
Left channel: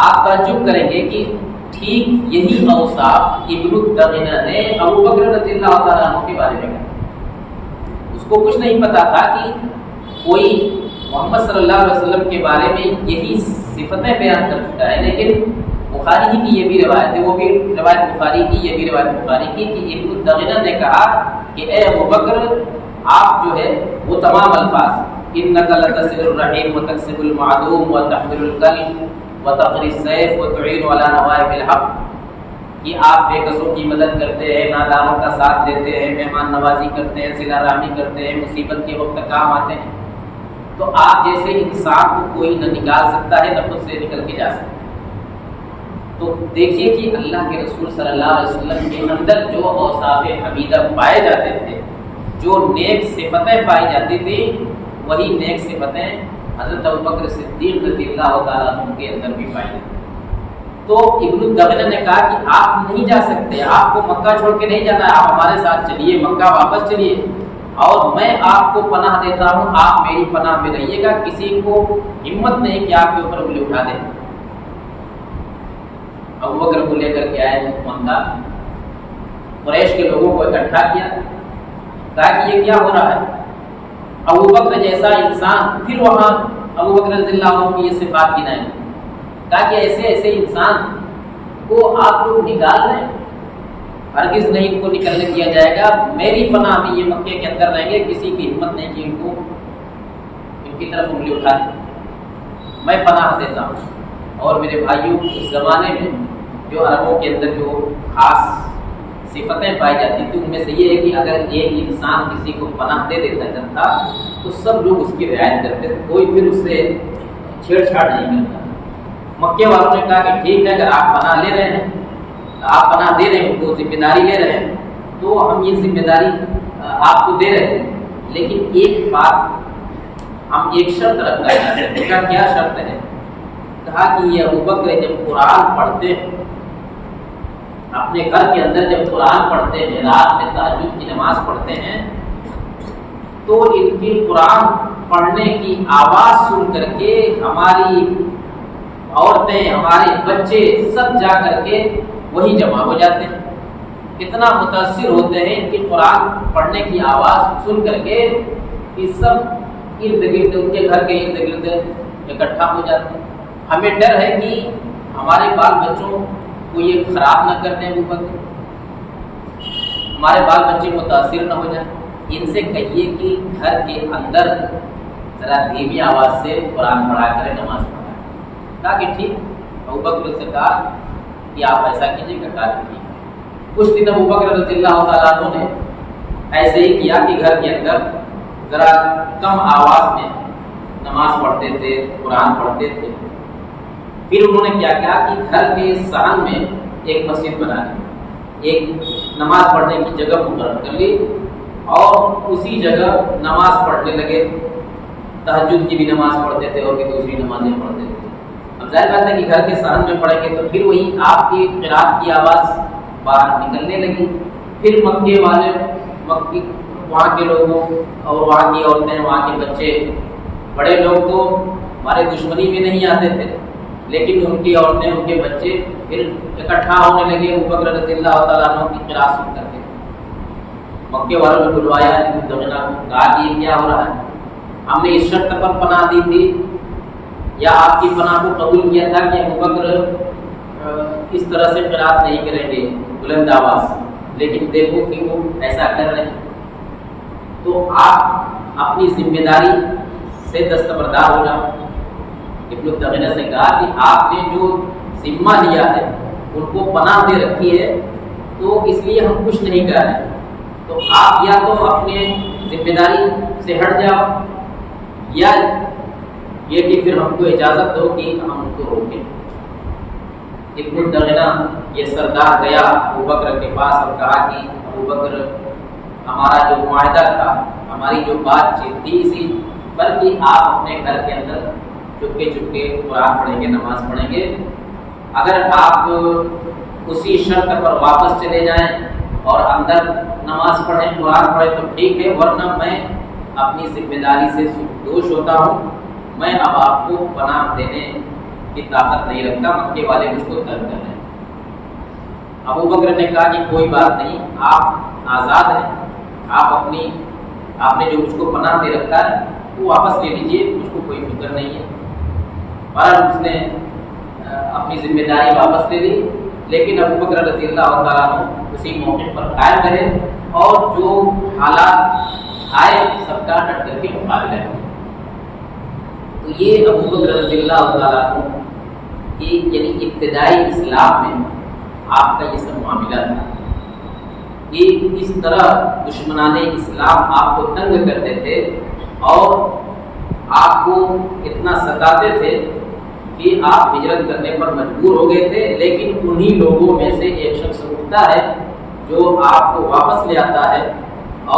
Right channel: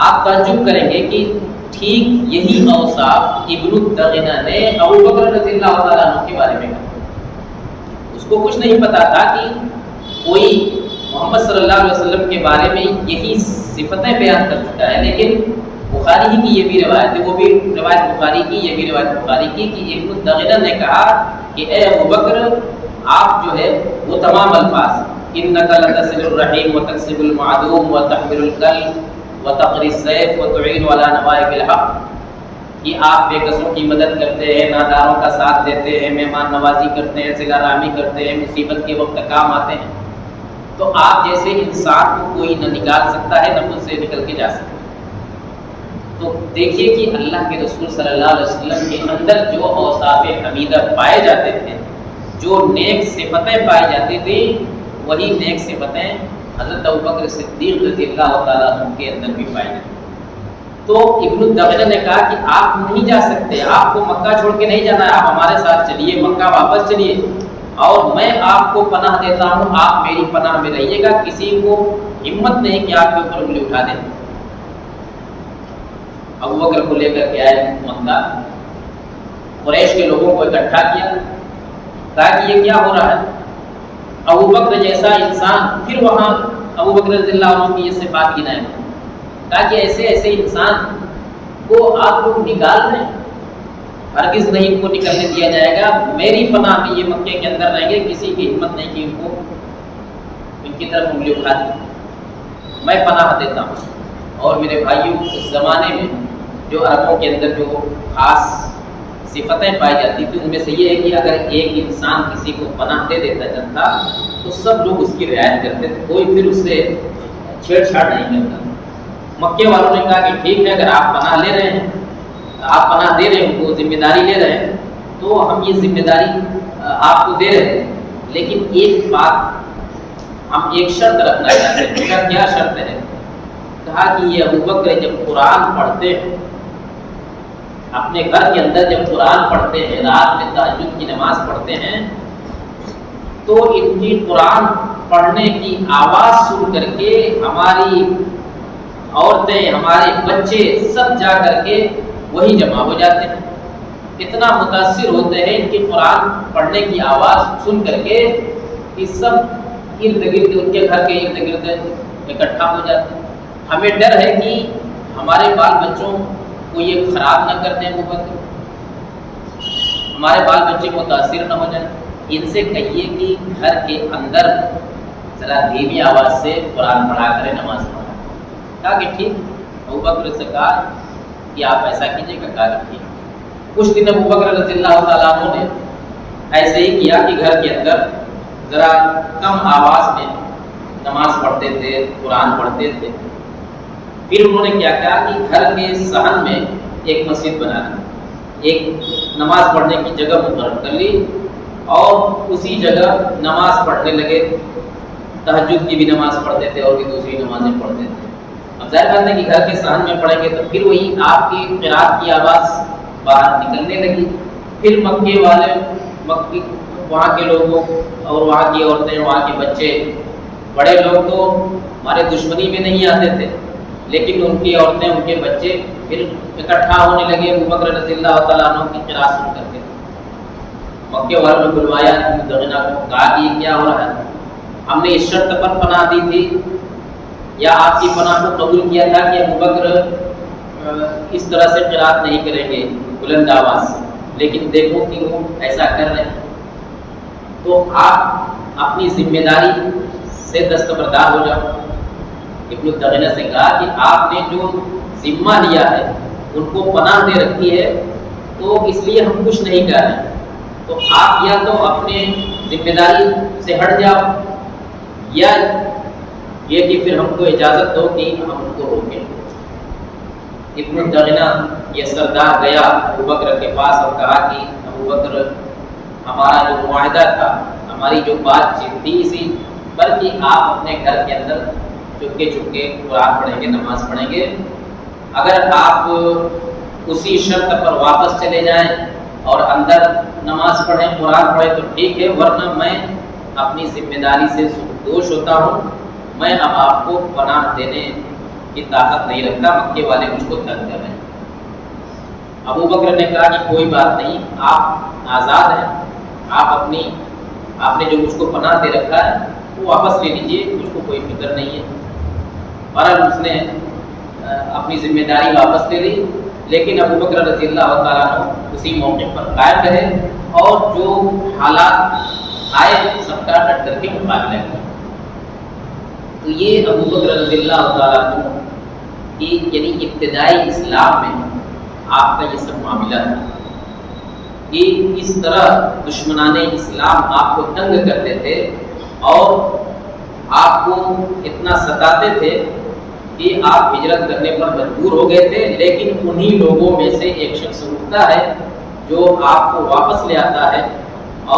آپ تعجب کریں گے کہ ٹھیک یہی اوصاف ابن الدغنہ نے ابو بکر رضی اللہ تعالیٰ عنہ کے بارے میں کہا. اس کو کچھ نہیں پتا تھا کہ کوئی محمد صلی اللہ علیہ وسلم کے بارے میں یہی صفتیں بیان کر چکا ہے. لیکن بخاری ہی کی یہ بھی روایت ہے، وہ بھی روایت بخاری کی، یہ بھی روایت بخاری کی کہ ابن الدغنہ نے کہا کہ اے ابو بکر، آپ جو ہے وہ تمام الفاظ انک لتصل الرحیم وتکسب المعدوم وتحمل الکل وتقری السیف وتعین علی نوائب الحق، کہ آپ بے کسوں کی مدد کرتے ہیں، ناداروں کا ساتھ دیتے ہیں، مہمان نوازی کرتے ہیں، صلہ رحمی کرتے ہیں، مصیبت کے وقت کام آتے ہیں. تو آپ جیسے انسان کو کوئی نہ نکال سکتا ہے نہ خود سے نکل کے جا سکتا ہے. تو دیکھیے کہ اللہ کے رسول صلی اللہ علیہ وسلم کے اندر جو اوصاف حمیدہ پائے جاتے تھے، جو نیک صفتیں پائی جاتی تھیں، وہی نیک صفتیں حضرت ابوبکر صدیق رضی اللہ تعالیٰ عنہ کے اندر بھی پائی جاتی. تو ابن الدغنہ نے کہا کہ آپ نہیں جا سکتے، آپ کو مکہ چھوڑ کے نہیں جانا ہے، آپ ہمارے ساتھ چلیے، مکہ واپس چلیے، اور میں آپ کو پناہ دیتا ہوں، آپ میری پناہ میں رہیے گا. کسی کو ہمت نہیں کہ آپ کے اوپر انگلی اٹھا دیں. ابوبکر کو لے کر کے آئے مکہ، قریش کے لوگوں کو اکٹھا کیا، کہا کہ یہ کیا ہو رہا ہے؟ ابوبکر جیسا انسان، پھر وہاں ابوبکر رضی اللہ عنہ کی یہ صفات گنائے. کہا کہ ایسے ایسے انسان کو آپ لوگ نکال رہے ہیں، ہرگز نہیں ان کو نکلنے دیا جائے گا. میری پناہ میں یہ مکے کے اندر رہیں گے، کسی کی ہمت نہیں کہ ان کو ان کی طرف انگلی اٹھا دیں. میں پناہ دیتا ہوں. اور میرے بھائیوں، اس زمانے میں جو عربوں کے اندر جو خاص صفتیں پائی جاتی تھیں، ان میں سے یہ ہے کہ اگر ایک انسان کسی کو پناہ دے دیتا تھا تو سب لوگ اس کی رعایت کرتے تھے، کوئی پھر اس سے چھیڑ چھاڑ نہیں کرتا. مکے والوں نے کہا کہ ٹھیک ہے، اگر آپ پناہ لے رہے ہیں، آپ پناہ دے رہے ہیں، وہ ذمہ داری لے رہے ہیں، تو ہم یہ ذمہ داری آپ کو دے رہے ہیں. لیکن ایک بات ہم ایک شرط رکھنا چاہتے ہیں. اس کا کیا شرط ہے؟ کہا کہ یہ ابوبکر جب قرآن پڑھتے ہیں، اپنے گھر کے اندر جب قرآن پڑھتے ہیں، رات میں تہجد کی نماز پڑھتے ہیں، تو ان کی قرآن پڑھنے کی آواز سن کر کے ہماری عورتیں، ہمارے بچے سب جا کر کے وہی جمع ہو جاتے ہیں. اتنا متاثر ہوتے ہیں ان کی قرآن پڑھنے کی آواز سن کر کے کہ سب ارد گرد ان کے گھر کے ارد گرد اکٹھا ہو جاتے ہیں. ہمیں ڈر ہے کہ ہمارے بال بچوں کو یہ خراب نہ کر دیں ابوبکر، ہمارے بال بچے متاثر نہ ہو جائیں. ان سے کہیے کہ گھر کے اندر ذرا دھیمی آواز سے قرآن پڑھا کریں، نماز پڑھا. کہا کہ ٹھیک. ابوبکر سے کہا کہ آپ ایسا کیجیے گا. کہا کہ ٹھیک. کچھ دن ابوبکر رضی اللہ تعالیٰ عنہ نے ایسے ہی کیا کہ گھر کے اندر ذرا کم آواز میں نماز پڑھتے تھے، قرآن پڑھتے تھے. پھر انہوں نے کیا کہا کہ گھر کے صحن میں ایک مسجد بنا لی، ایک نماز پڑھنے کی جگہ مقرر کر لی، اور اسی جگہ نماز پڑھنے لگے. تہجد کی بھی نماز پڑھتے تھے اور بھی دوسری نمازیں پڑھتے تھے. اب ظاہر بات ہے کہ گھر کے صحن میں پڑھیں گے تو پھر وہی آپ کی قرات کی آواز باہر نکلنے لگی. پھر مکے والے، وہاں کے لوگوں اور وہاں کی عورتیں، وہاں کے بچے، بڑے لوگ تو ہمارے دشمنی میں نہیں آتے تھے، لیکن ان کی عورتیں، ان کے بچے پھر اکٹھا ہونے لگے ابوبکر رضی اللہ تعالیٰ عنہ کی قرات سن کر کے. مکے والوں نے بلوایا ابن الدغنہ کو، کہا کہ یہ کیا ہو رہا ہے؟ ہم نے اس شرط پر پناہ دی تھی یا آپ کی پناہ کو قبول کیا تھا کہ ابوبکر اس طرح سے قرات نہیں کریں گے بلند آواز سے، لیکن دیکھو کہ وہ ایسا کر رہے ہیں. تو آپ اپنی ذمہ داری سے دستبردار ہو جاؤ. ابن الدغنہ سے کہا کہ آپ نے جو ذمہ لیا ہے، ان کو پناہ دے رکھی ہے، تو اس لیے ہم کچھ نہیں کر رہے ہیں. تو آپ یا تو اپنے ذمہ داری سے ہٹ جاؤ، یا یہ کہ پھر ہم کو اجازت دو کہ ہم ان کو روکیں۔ ابن الدغنہ یہ سردار گیا ابوبکر کے پاس اور کہا کہ ابوبکر، ہمارا جو معاہدہ تھا، ہماری جو بات چیت تھی اسی پر کہ آپ اپنے گھر کے اندر چپکے چپکے قرآن پڑھیں گے، نماز پڑھیں گے، اگر آپ اسی شرط پر واپس چلے جائیں اور اندر نماز پڑھیں، قرآن پڑھیں تو ٹھیک ہے، ورنہ میں اپنی ذمہ داری سے دوش ہوتا ہوں، میں اب آپ کو پناہ دینے کی طاقت نہیں رکھتا، مکے والے مجھ کو تنگ کر رہے ہیں۔ ابوبکر نے کہا کہ کوئی بات نہیں، آپ آزاد ہیں، آپ نے جو مجھ کو پناہ دے رکھا ہے وہ واپس لے لیجئے، مجھ کو کوئی فکر نہیں ہے۔ بہرحال اس نے اپنی ذمہ داری واپس لے لی، لیکن ابوبکر رضی اللہ تعالیٰ عنہ اسی موقع پر قائم رہے اور جو حالات آئے سب کا ڈٹ کر کے مقابلہ کیا۔ تو یہ ابوبکر رضی اللہ تعالیٰ عنہ کی یعنی ابتدائی اسلام میں آپ کا یہ سب معاملہ تھا کہ اس طرح دشمنان اسلام آپ کو تنگ کرتے تھے اور آپ کو اتنا ستاتے تھے کہ آپ ہجرت کرنے پر مجبور ہو گئے تھے، لیکن انہی لوگوں میں سے ایک شخص اٹھتا ہے جو آپ کو واپس لے آتا ہے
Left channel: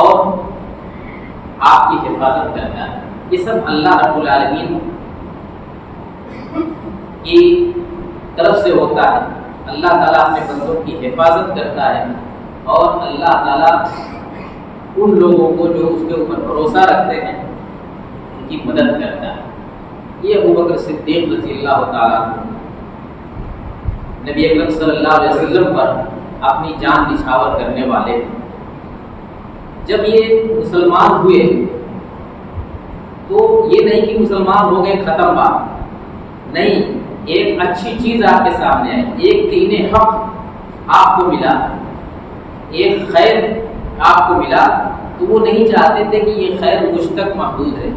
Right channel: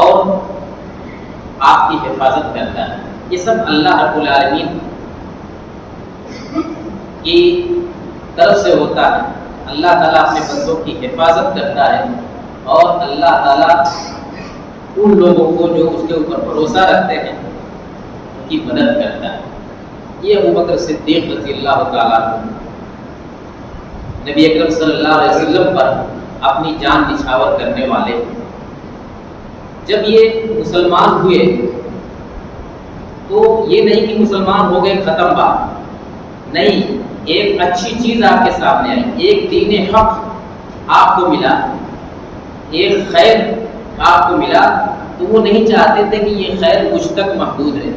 اور آپ کی حفاظت کرتا ہے۔ یہ سب اللہ رب العالمین کی طرف سے ہوتا ہے۔ اللہ تعالیٰ اپنے بندوں کی حفاظت کرتا ہے اور اللہ تعالیٰ ان لوگوں کو جو اس کے اوپر بھروسہ رکھتے ہیں ان کی مدد کرتا ہے۔ یہ ابوبکر صدیق رضی اللہ تعالیٰ عنہ نبی اکرم صلی اللہ علیہ وسلم پر اپنی جان نچھاور کرنے والے، جب یہ مسلمان ہوئے تو یہ نہیں کہ مسلمان ہو گئے ختم بات، نہیں، ایک اچھی چیز آپ کے سامنے آئی، ایک دین حق آپ کو ملا، ایک خیر آپ کو ملا، تو وہ نہیں چاہتے تھے کہ یہ خیر مجھ تک محدود رہے،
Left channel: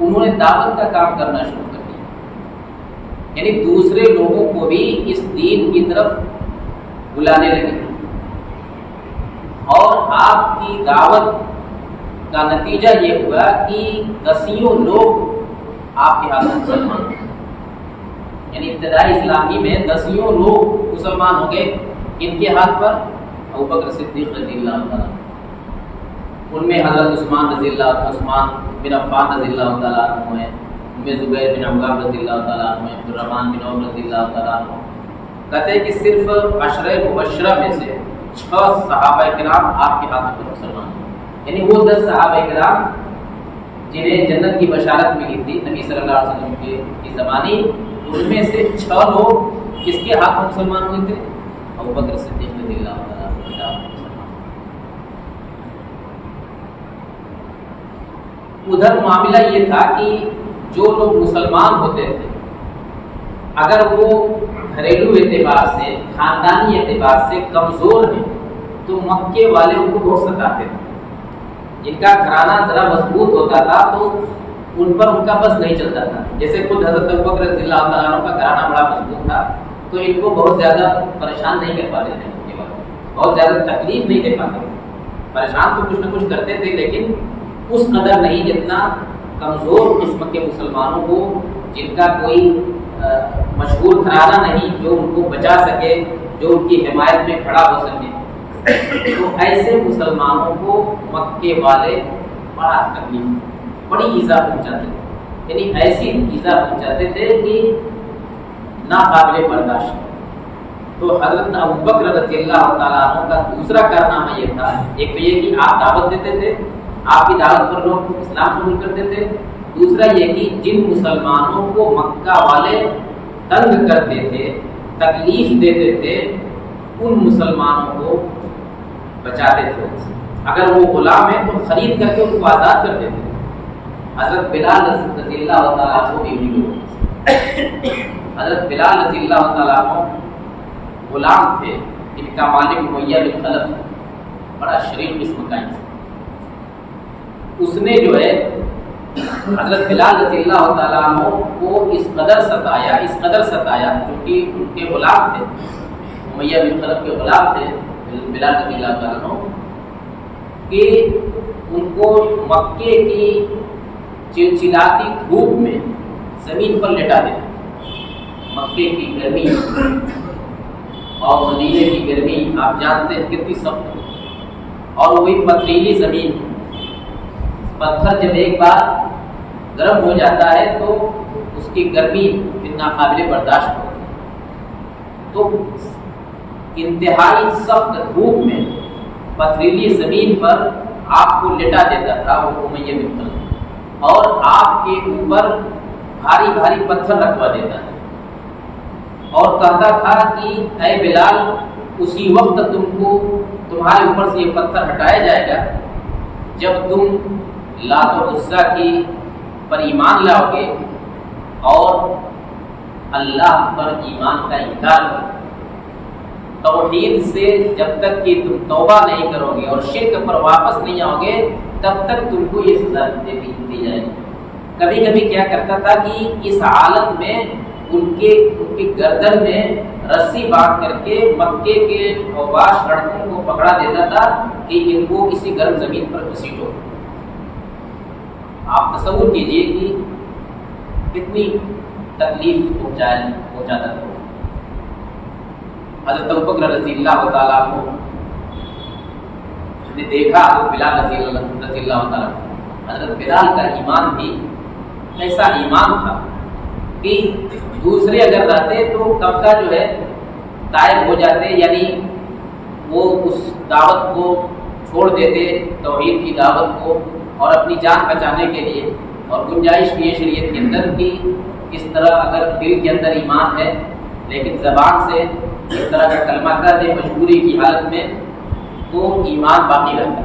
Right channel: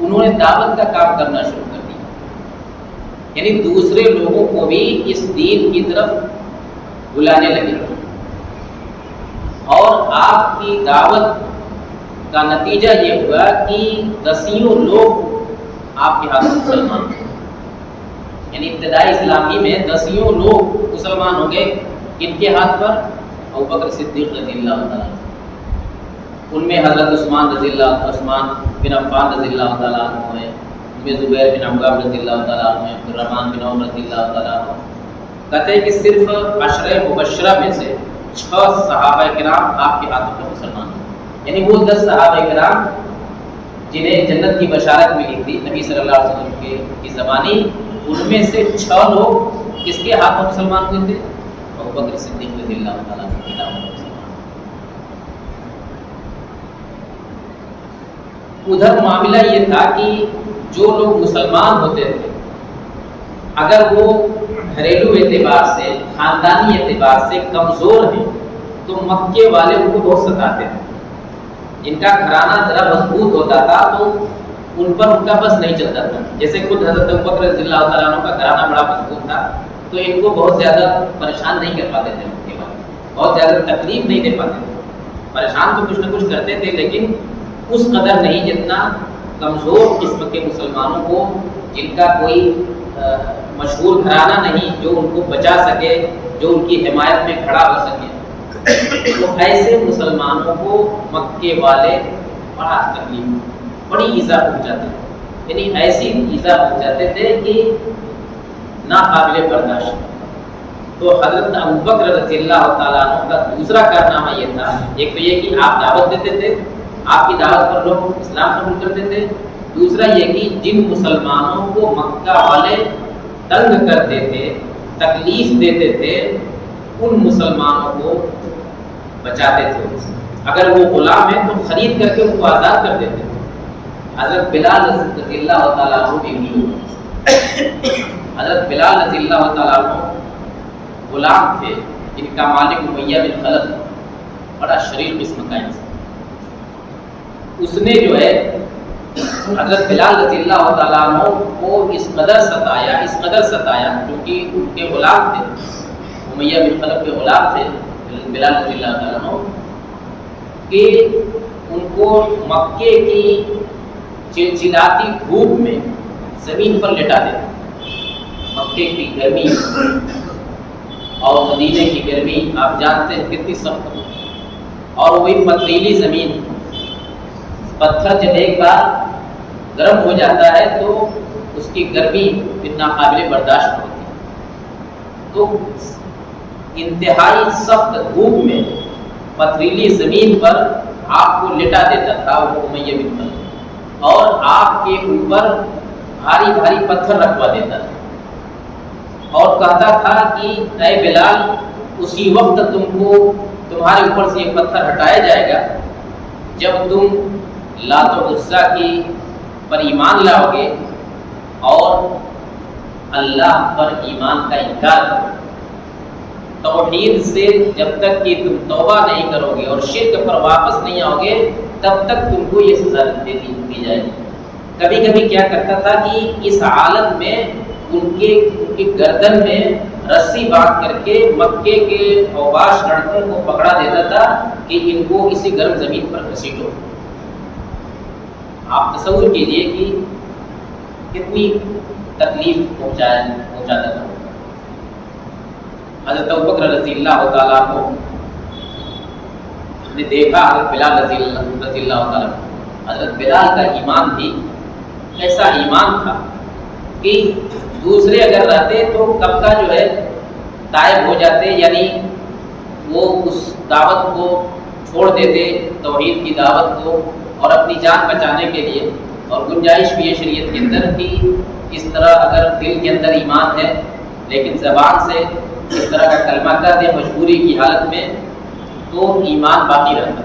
انہوں نے دعوت کا کام کرنا شروع کر دیا، یعنی دوسرے لوگوں کو بھی اس دین کی طرف بلانے لگے، اور آپ کی دعوت کا نتیجہ یہ ہوا کہ دسیوں لوگ آپ کے ہاتھ مسلمان تھے، یعنی ابتدائی اسلامی میں دسیوں لوگ مسلمان ہو گئے، ان کے ہاتھ پر ابوبکر صدیق رضی اللہ تعالیٰ، ان میں حضرت عثمان بن عفان رضی اللہ تعالیٰ عنہ ہیں، ان میں زبیر بن عوام رضی اللہ تعالیٰ عنہ ہیں، عبدالرحمن بن عوف رضی اللہ تعالیٰ عنہ۔ کہتے ہیں کہ صرف عشرہ مبشرہ میں سے 6 صحابہ کرام آپ کے ہاتھوں پر مسلمان ہیں، یعنی وہ 10 صحابہ کرام جنہیں جنت کی بشارت ملی تھی نبی صلی اللہ علیہ وسلم کی زبانی، ان میں سے 6 لوگ کس کے ہاتھوں مسلمان ہوئے تھے؟ ابوبکر صدیق رضی اللہ تعالیٰ عنہ کے ہاتھوں مسلمان۔ ادھر معاملہ یہ تھا کہ جو لوگ مسلمان ہوتے تھے اگر وہ گھریلو اعتبار سے، خاندانی اعتبار سے کمزور ہیں تو مکے والے ان کو بہت ستاتے تھے، جن کا گھرانہ ذرا مضبوط ہوتا تھا تو ان پر ان کا بس نہیں چلتا تھا، جیسے خود حضرت ابوبکر رضی اللہ تعالیٰ عنہ کا گھرانہ بڑا مضبوط تھا تو ان کو بہت زیادہ پریشان نہیں کر پاتے تھے، مکے والے بہت زیادہ تکلیف نہیں دے پاتے تھے، پریشان تو کچھ نہ کچھ کرتے تھے لیکن اس قدر نہیں جتنا کمزور قسم کے مسلمانوں کو، جن کا کوئی مشہور گھرانہ نہیں جو ان کو بچا سکے، جو ان کی حمایت میں کھڑا ہو سکے، تو ایسے مسلمانوں کو مکے والے بڑا تکلیف، بڑی ایذا پہنچاتے تھے، یعنی ایسی ایذا پہنچاتے تھے کہ ناقابل برداشت۔ تو حضرت ابوبکر رضی اللہ تعالیٰ عنہ کا دوسرا کارنامہ یہ تھا، ایک تو یہ کہ آپ دعوت دیتے تھے، آپ کی دعوت پر لوگ اسلام قبول کرتے تھے، دوسرا یہ کہ جن مسلمانوں کو مکہ والے تنگ کرتے تھے، تکلیف دیتے تھے، ان مسلمانوں کو بچاتے تھے، اگر وہ غلام ہیں تو خرید کر کے ان کو آزاد کر دیتے تھے۔ حضرت بلال رضی اللہ تعالیٰ عنہ بھی ہوئی، حضرت بلال رضی اللہ تعالیٰ عنہ غلام تھے جن کا مالک امیہ بن خلف بڑا شریر قسم کا انسان، اس نے جو ہے حضرت بلال رضی اللہ تعالیٰ عنہ کو اس قدر ستایا چونکہ ان کے غلام تھے، امیہ بن خلف کے غلام تھے بلال رضی اللہ تعالیٰ عنہ، کہ ان کو مکے کی چلچلاتی دھوپ میں زمین پر لٹا دیتا. مکے کی گرمی اور مدینے کی گرمی آپ جانتے ہیں کتنی سخت ہوتی ہے، اور وہی پتھریلی زمین، پتھر جب ایک بار گرم ہو جاتا ہے تو اس کی گرمی پھر ناقابل برداشت ہوتی ہے. تو انتہائی سخت دھوپ میں پتھریلی زمین پر آپ کو لٹا دیتا تھا وہ امیہ بن خلف، اور آپ کے اوپر بھاری بھاری پتھر رکھوا دیتا تھا اور کہتا تھا کہ اے بلال، اسی وقت تمہارے اوپر سے یہ پتھر ہٹایا جائے گا جب تم لات و عزیٰ کی پر ایمان لاؤ گے اور اللہ پر ایمان کا انکار کرو. توحید سے جب تک کہ تم توبہ نہیں کرو گے اور شرک پر واپس نہیں آؤ گے تب تک تم کو یہ سزا دی جائے گی. کبھی کبھی کیا کرتا تھا کہ اس حالت میں ان کے گردن میں رسی باندھ کر کے مکے کے اوباش لڑکوں کو پکڑا دیتا تھا کہ ان کو اسی گرم زمین پر گھسیٹو. آپ تصور کیجئے کہ کتنی تکلیف پہنچاتا تھا. حضرت ابوبکر رضی اللہ تعالیٰ عنہ نے دیکھا حضرت بلال رضی اللہ تعالیٰ عنہ. حضرت بلال کا ایمان بھی ایسا ایمان تھا کہ دوسرے اگر رہتے تو کب کا جو ہے تائب ہو جاتے، یعنی وہ اس دعوت کو چھوڑ دیتے، توحید کی دعوت کو، اور اپنی جان بچانے کے لیے. اور گنجائش بھی ہے شریعت کے اندر کہ اس طرح اگر دل کے اندر ایمان ہے لیکن زبان سے اس طرح کا کلمہ کر دے مجبوری کی حالت میں تو ایمان باقی رہتا.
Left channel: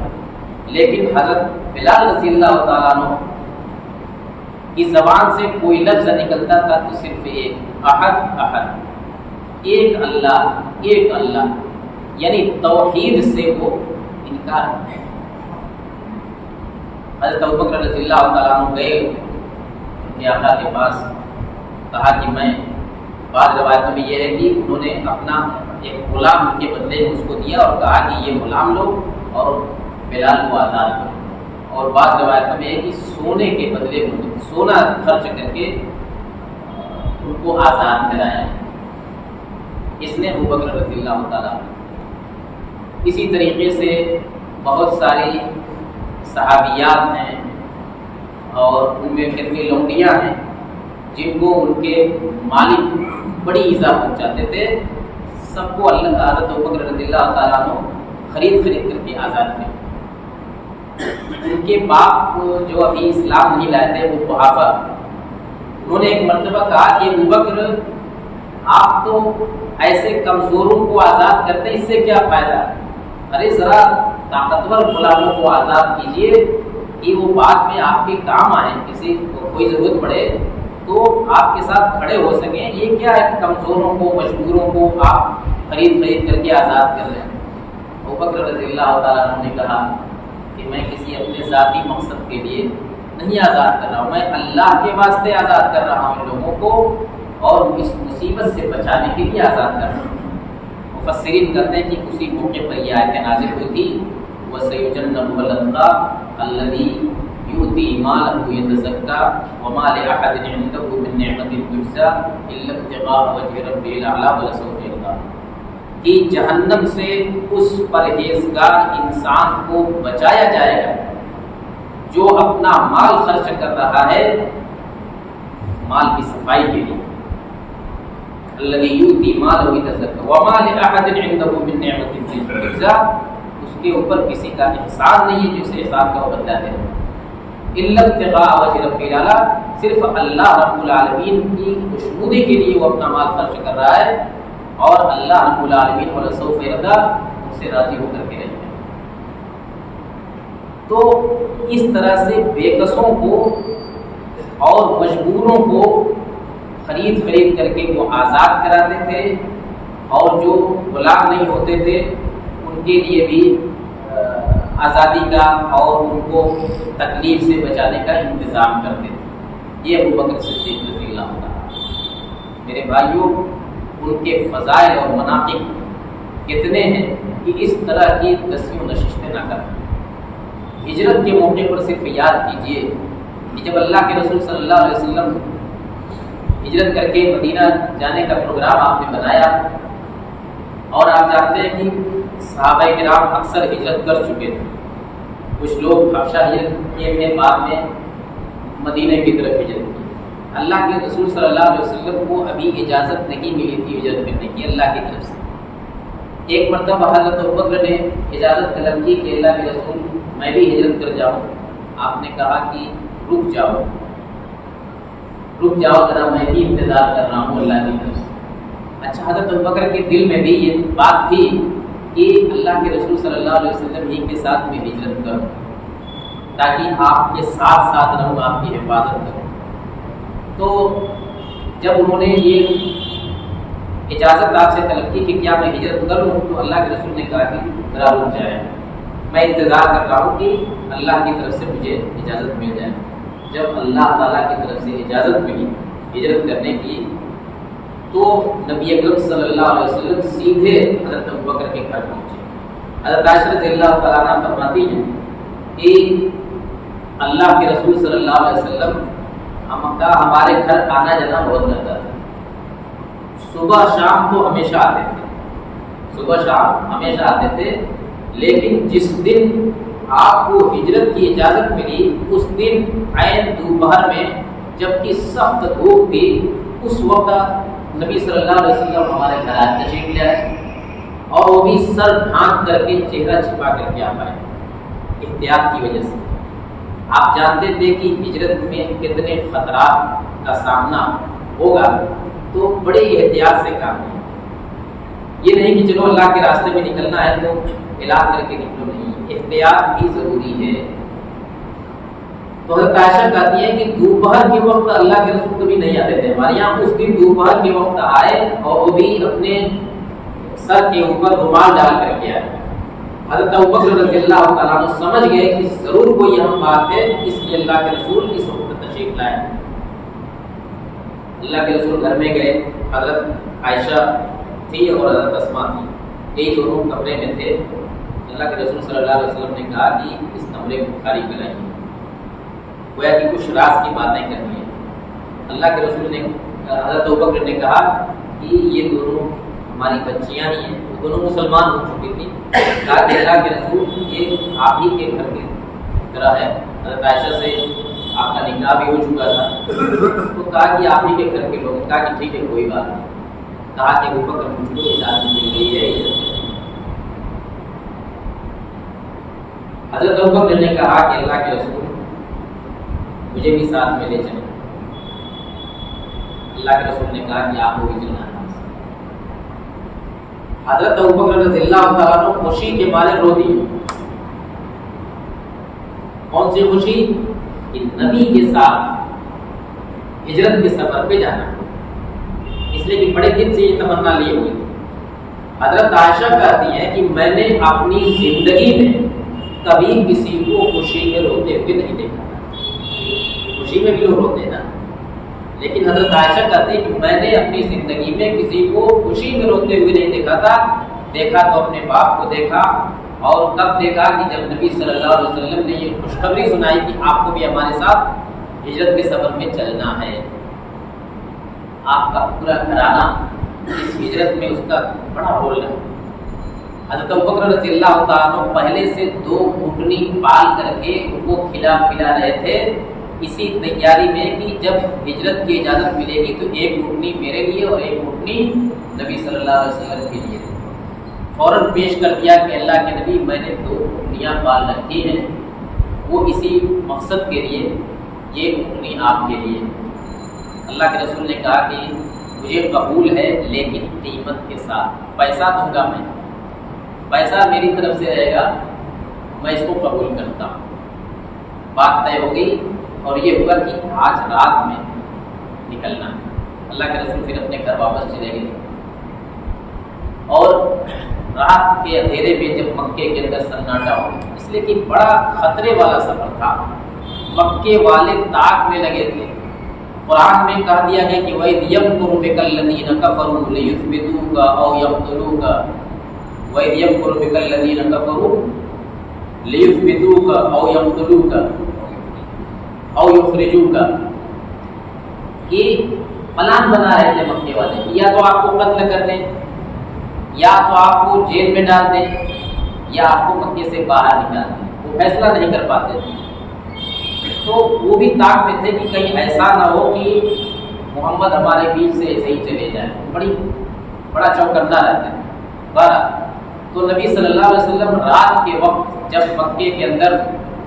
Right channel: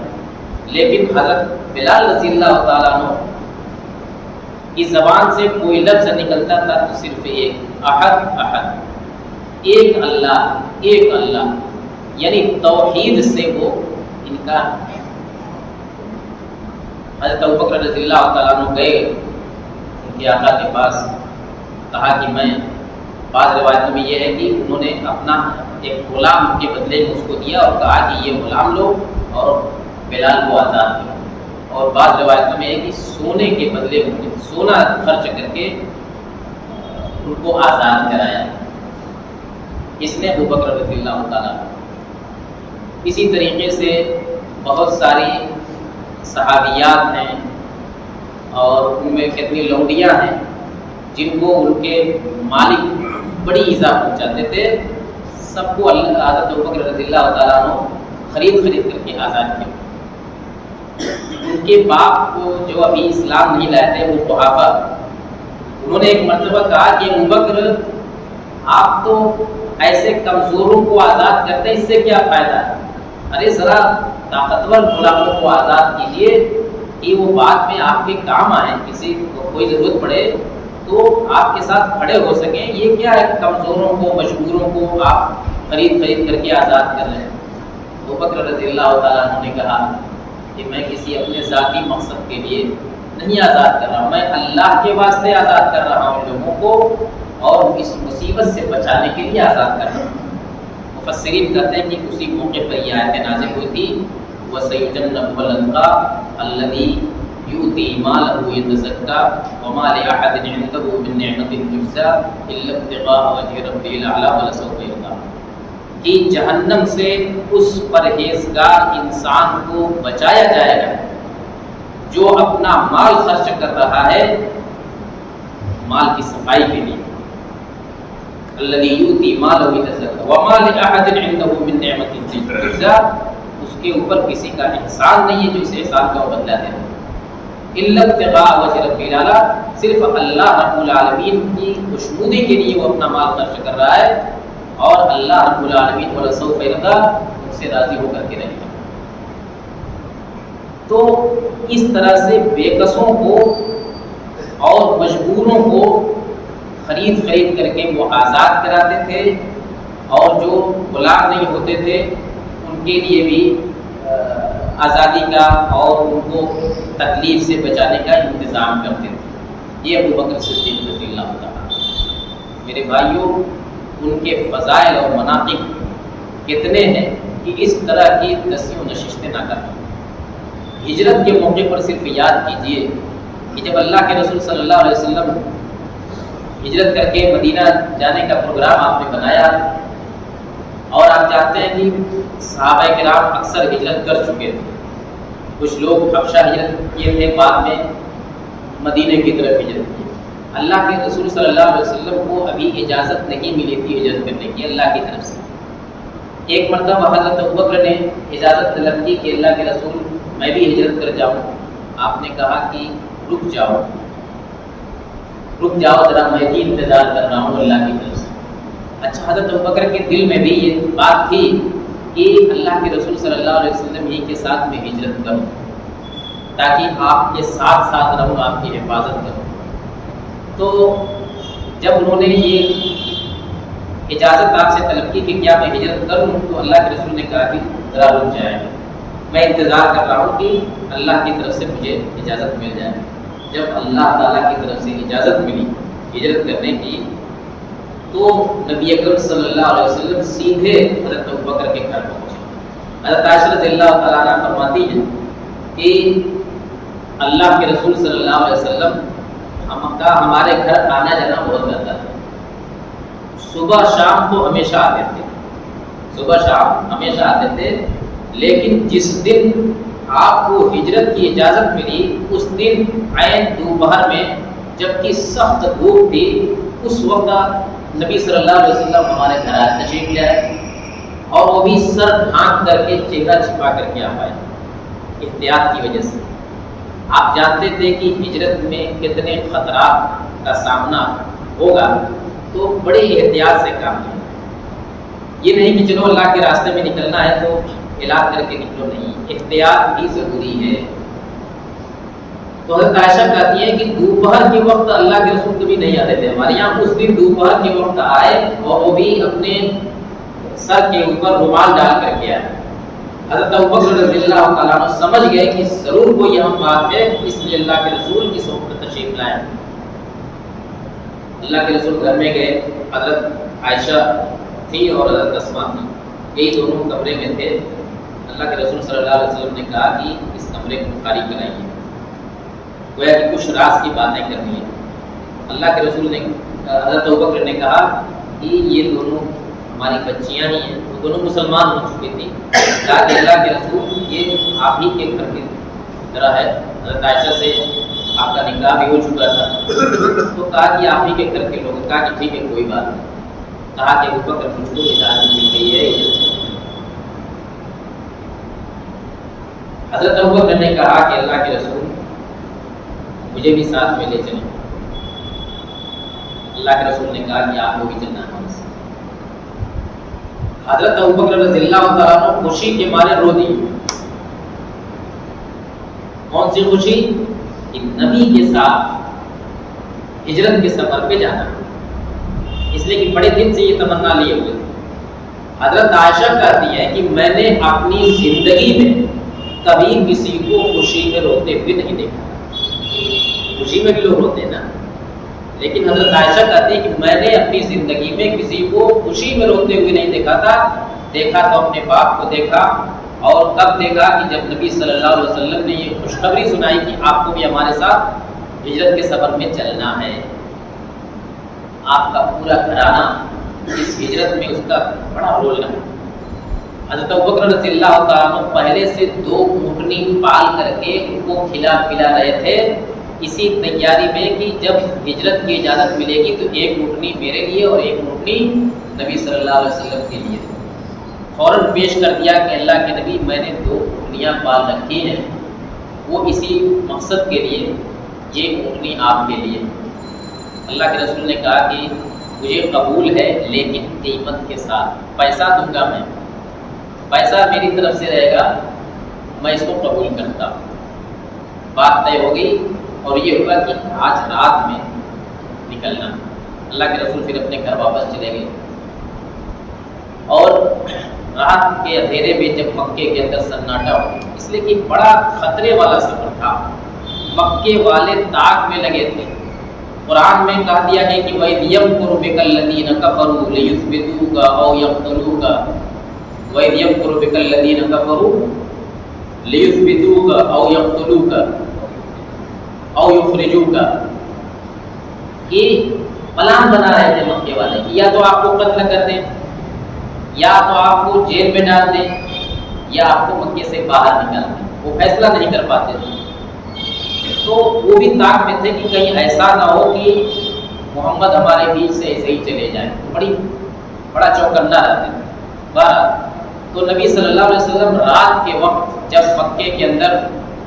لیکن حضرت بلال رضی اللہ تعالیٰ عنہ کی زبان سے کوئی لفظ نکلتا تھا تو صرف ایک احد احد، ایک اللہ، یعنی توحید سے وہ انکار. حضرت ابوبکر رضی اللہ تعالیٰ عنہ گئے ان کے آقا کے پاس، کہا کہ میں، بعض روایتوں میں یہ ہے کہ انہوں نے اپنا ایک غلام کے بدلے میں اس کو دیا اور کہا کہ یہ غلام لو اور بلال کو آزاد کرو. اور بعض روایتوں میں ہے کہ سونے کے بدلے انہوں نے سونا خرچ کر کے ان کو آزاد کرایا. اس نے ابوبکر رضی اللہ تعالیٰ. اسی طریقے سے بہت ساری صحابیات ہیں اور ان میں کتنی لونڈیاں ہیں جن کو ان کے مالک بڑی ایذا پہنچاتے تھے. سب کو حضرت ابوبکر رضی اللہ تعالیٰ عنہ خرید کر کے آزاد کیا. ان کے باپ جو ابھی اسلام نہیں لائے تھے وہ قحافہ، انہوں نے ایک مرتبہ کہا کہ ابوبکر آپ تو ایسے کمزوروں کو آزاد کرتے اس سے کیا فائدہ، ارے ذرا طاقتور غلاموں کو آزاد کیجیے کہ وہ بعد میں آپ کے کام آئیں، کسی کو کوئی ضرورت پڑے تو آپ کے ساتھ کھڑے ہو سکیں. یہ کیا ہے کمزوروں کو مجبوروں کو آپ خرید کر کے آزاد کر رہے ہیں. ابوبکر رضی اللہ تعالیٰ عنہ نے کہا کہ میں کسی اپنے ذاتی مقصد کے لیے نہیں آزاد کر رہا ہوں، میں اللہ کے واسطے آزاد کر رہا ہوں ان لوگوں کو اور اس مصیبت سے بچانے کے لیے آزاد کر رہا ہوں. مفسرین کہتے ہیں کہ اسی موقع پر یہ آیت نازل ہوئی تھی وَسَيُجَنَّبُهَا الْأَتْقَى الَّذِي يُؤْتِي مَالَهُ يَتَزَكَّى وَمَا لِأَحَدٍ عِندَهُ مِن نِّعْمَةٍ تُجْزَىٰ إِلَّا ابْتِغَاءَ وَجْهِ رَبِّهِ الْأَعْلَىٰ وَلَسَوْفَ يَرْضَىٰ. کہ جہنم سے اس پرہیزگار انسان کو بچایا جائے گا جو اپنا مال خرچ کر رہا ہے مال کی صفائی کے لیے. الذی یؤتی مالہ یتزکیٰ وما لأحد عنده من نعمۃ تجزیٰ، اس کے اوپر کسی کا احسان نہیں ہے جو اس احسان کا وہ بدلہ دے رہا ہے. الا ابتغاء وجہ رب الاعلیٰ، صرف اللہ رب العالمین کی خوشنودی کے لیے وہ اپنا مال خرچ کر رہا ہے اور اللہ رب العالمین ولسوف یرضیٰ ان سے راضی ہو کر کے رہے گا. تو اس طرح سے بے کسوں کو اور مجبوروں کو خرید کر کے وہ آزاد کراتے تھے اور جو غلام نہیں ہوتے تھے ان کے لیے بھی آزادی کا اور ان کو تکلیف سے بچانے کا انتظام کرتے تھے. یہ ابوبکر صدیق رضی اللہ تعالیٰ. میرے بھائیوں، ان کے فضائل اور مناقب کتنے ہیں کہ اس طرح کی دسیوں نشستیں نہ کریں. ہجرت کے موقع پر صرف یاد کیجئے کہ جب اللہ کے رسول صلی اللہ علیہ وسلم ہجرت کر کے مدینہ جانے کا پروگرام آپ نے بنایا، اور آپ جانتے ہیں کہ صحابہ کرام اکثر ہجرت کر چکے تھے، کچھ لوگ حبشہ ہجرت کیے تھے، بعد میں مدینہ کی طرف ہجرت کی۔ اللہ کے رسول صلی اللہ علیہ وسلم کو ابھی اجازت نہیں ملی تھی ہجرت کرنے کی اللہ کی طرف سے۔ ایک مرتبہ حضرت ابوبکر نے اجازت طلب کی کہ اللہ کے رسول میں بھی ہجرت کر جاؤں۔ آپ نے کہا کہ رک جاؤ ذرا، میں بھی انتظار کر رہا ہوں اللہ کی طرف سے۔ اچھا، حضرت ابوبکر کے دل میں بھی یہ بات تھی کہ اللہ کے رسول صلی اللہ علیہ وسلم ہی کے ساتھ میں ہجرت کروں تاکہ آپ کے ساتھ ساتھ رہوں، آپ کی حفاظت کروں۔ تو جب انہوں نے یہ اجازت آپ سے طلب کی کہ کیا میں ہجرت کر لوں، تو اللہ کے رسول نے کہا کہ ذرا رک جائے، میں انتظار کر رہا ہوں کہ اللہ کی طرف سے مجھے اجازت مل جائے۔ جب اللہ تعالیٰ کی طرف سے اجازت ملی ہجرت کرنے کی، تو نبی اکرم صلی اللہ علیہ وسلم سیدھے حضرت ابوبکر کے گھر پہنچے۔ حضرت عائشہ رضی اللہ تعالیٰ عنہ فرماتی ہیں کہ اللہ کے رسول صلی اللہ علیہ وسلم ہمارے گھر آنا جانا بہت رہتا تھا، صبح شام تو ہمیشہ آتے تھے، لیکن جس دن آپ کو ہجرت کی اجازت ملی اس دن عین دوپہر میں جبکہ سخت دھوپ تھی، اس وقت نبی صلی اللہ علیہ وسلم ہمارے گھر آئے، تشریف لے آئے، اور وہ بھی سر ڈھانک کر کے، چہرہ چھپا کر کے آپ آئے احتیاط کی وجہ سے۔ آپ جانتے تھے کہ ہجرت میں کتنے خطرات کا سامنا ہوگا، تو بڑے احتیاط سے کام لیں۔ یہ نہیں کہ چلو اللہ کے راستے میں نکلنا ہے تو ہلاک کر کے نکلو، نہیں، احتیاط بھی ضروری ہے۔ تو حضرت عائشہ کہتی ہیں کہ دوپہر کے وقت اللہ کے رسول کبھی نہیں آتے تھے ہمارے یہاں، اس دن دوپہر کے وقت آئے، اور وہ بھی اپنے سر کے اوپر رومال ڈال کر کے آئے۔ حضرت ابوبکر رضی اللہ تعالیٰ عنہ سمجھ گئے کہ ضرور کوئی اہم بات ہے، اس لیے اللہ کے رسول اس وقت تشریف لائے۔ اللہ کے رسول گھر میں گئے، حضرت عائشہ تھی اور حضرت اسماء تھی، یہی دونوں کمرے میں تھے۔ اللہ کے رسول صلی اللہ علیہ وسلم نے کہا کہ اس کمرے کو خالی کرائیے، گویا کہ کچھ راز کی باتیں کرنی ہے۔ اللہ کے رسول نے، حضرت ابوبکر نے کہا کہ یہ دونوں ہماری بچیاں ہی ہیں، وہ دونوں مسلمان ہو چکی تھیں، کہا کہ اللہ کے رسول یہ آپ ہی کے گھر کی طرح ہے، حضرت عائشہ سے آپ کا نکاح بھی ہو چکا تھا، تو کہا کہ آپ ہی کے گھر کے لوگ، کہا کہ ٹھیک ہے کوئی بات نہیں۔ کہا کہ ابوبکر مجھ کو اجازت مل گئی ہے۔ حضرت ابوبکر نے کہا کہ اللہ کے رسول مجھے بھی ساتھ میں لے چلیں۔ اللہ کے رسول نے کہا کہ آپ کو بھی چلنا ہے۔ حضرت ابوبکر رضی اللہ تعالیٰ عنہ خوشی کے مارے رو دیے۔ کون سی خوشی؟ کہ نبی کے ساتھ ہجرت کے سفر پہ جانا، اس لیے کہ بڑے دن سے یہ تمنا لیے ہوئے تھے۔ حضرت عائشہ کہتی ہیں کہ میں نے اپنی زندگی میں کبھی کسی کو خوشی میں روتے ہوئے نہیں دیکھا۔ خوشی میں بھی لوگ روتے ہیں نا، لیکن حضرت عائشہ کہتی ہے کہ میں نے اپنی زندگی میں کسی کو خوشی میں روتے ہوئے نہیں دیکھا تھا۔ دیکھا تو اپنے باپ کو دیکھا، اور کب دیکھا کہ جب نبی صلی اللہ علیہ وسلم نے یہ خوشخبری سنائی کہ آپ کو بھی ہمارے ساتھ ہجرت کے سفر میں چلنا ہے۔ آپ کا پورا گھرانہ اس ہجرت میں اس کا بڑا رول ہے۔ حضرت ابوبکر رضی اللہ تعالیٰ عنہ پہلے سے 2 اونٹنی پال کر کے ان کو کھلا پلا رہے تھے، اسی تیاری میں کہ جب ہجرت کی اجازت ملے گی تو 1 اونٹنی میرے لیے اور 1 اونٹنی نبی صلی اللہ علیہ وسلم کے لیے۔ فوراً پیش کر دیا کہ اللہ کے نبی میں نے 2 اونٹنیاں پال رکھی ہیں، وہ اسی مقصد کے لیے، یہ اونٹنی آپ کے لیے۔ اللہ کے رسول نے کہا کہ مجھے قبول ہے لیکن قیمت کے ساتھ، پیسہ دوں گا میں، پیسہ میری طرف سے رہے گا، میں اس کو قبول کرتا ہوں۔ بات طے ہو گئی، اور یہ ہوا کہ آج رات میں نکلنا۔ اللہ کے رسول پھر اپنے گھر واپس چلے گئے، اور رات کے اندھیرے میں جب مکے کے اندر سناٹا ہو گیا، اس لیے کہ بڑا خطرے والا سفر تھا، مکے والے طاق میں لگے تھے۔ قرآن میں کہا دیا گیا کہ وَإِذْ يَمْكُرُ بِكَ الَّذِينَ كَفَرُوا لِيُثْبِتُوكَ أَوْ يَقْتُلُوكَ وَإِذْ يَمْكُرُ بِكَ الَّذِينَ كَفَرُوا لیثبتوک او یقتلوک او یخرجوک، یہ پلان بنا رہے تھے مکے والے کہ یا تو آپ کو قتل کر دیں، یا تو آپ کو جیل میں ڈال دیں، یا آپ کو مکے سے باہر نکال دیں۔ وہ فیصلہ نہیں کر پاتے تھے، تو وہ بھی طاق میں تھے کہ کہیں ایسا نہ ہو کہ محمد ہمارے بیچ سے ایسے ہی چلے جائیں، بڑا چوکنا رہتے تھے۔ بہرحال تو نبی صلی اللہ علیہ وسلم رات کے وقت جب مکے کے اندر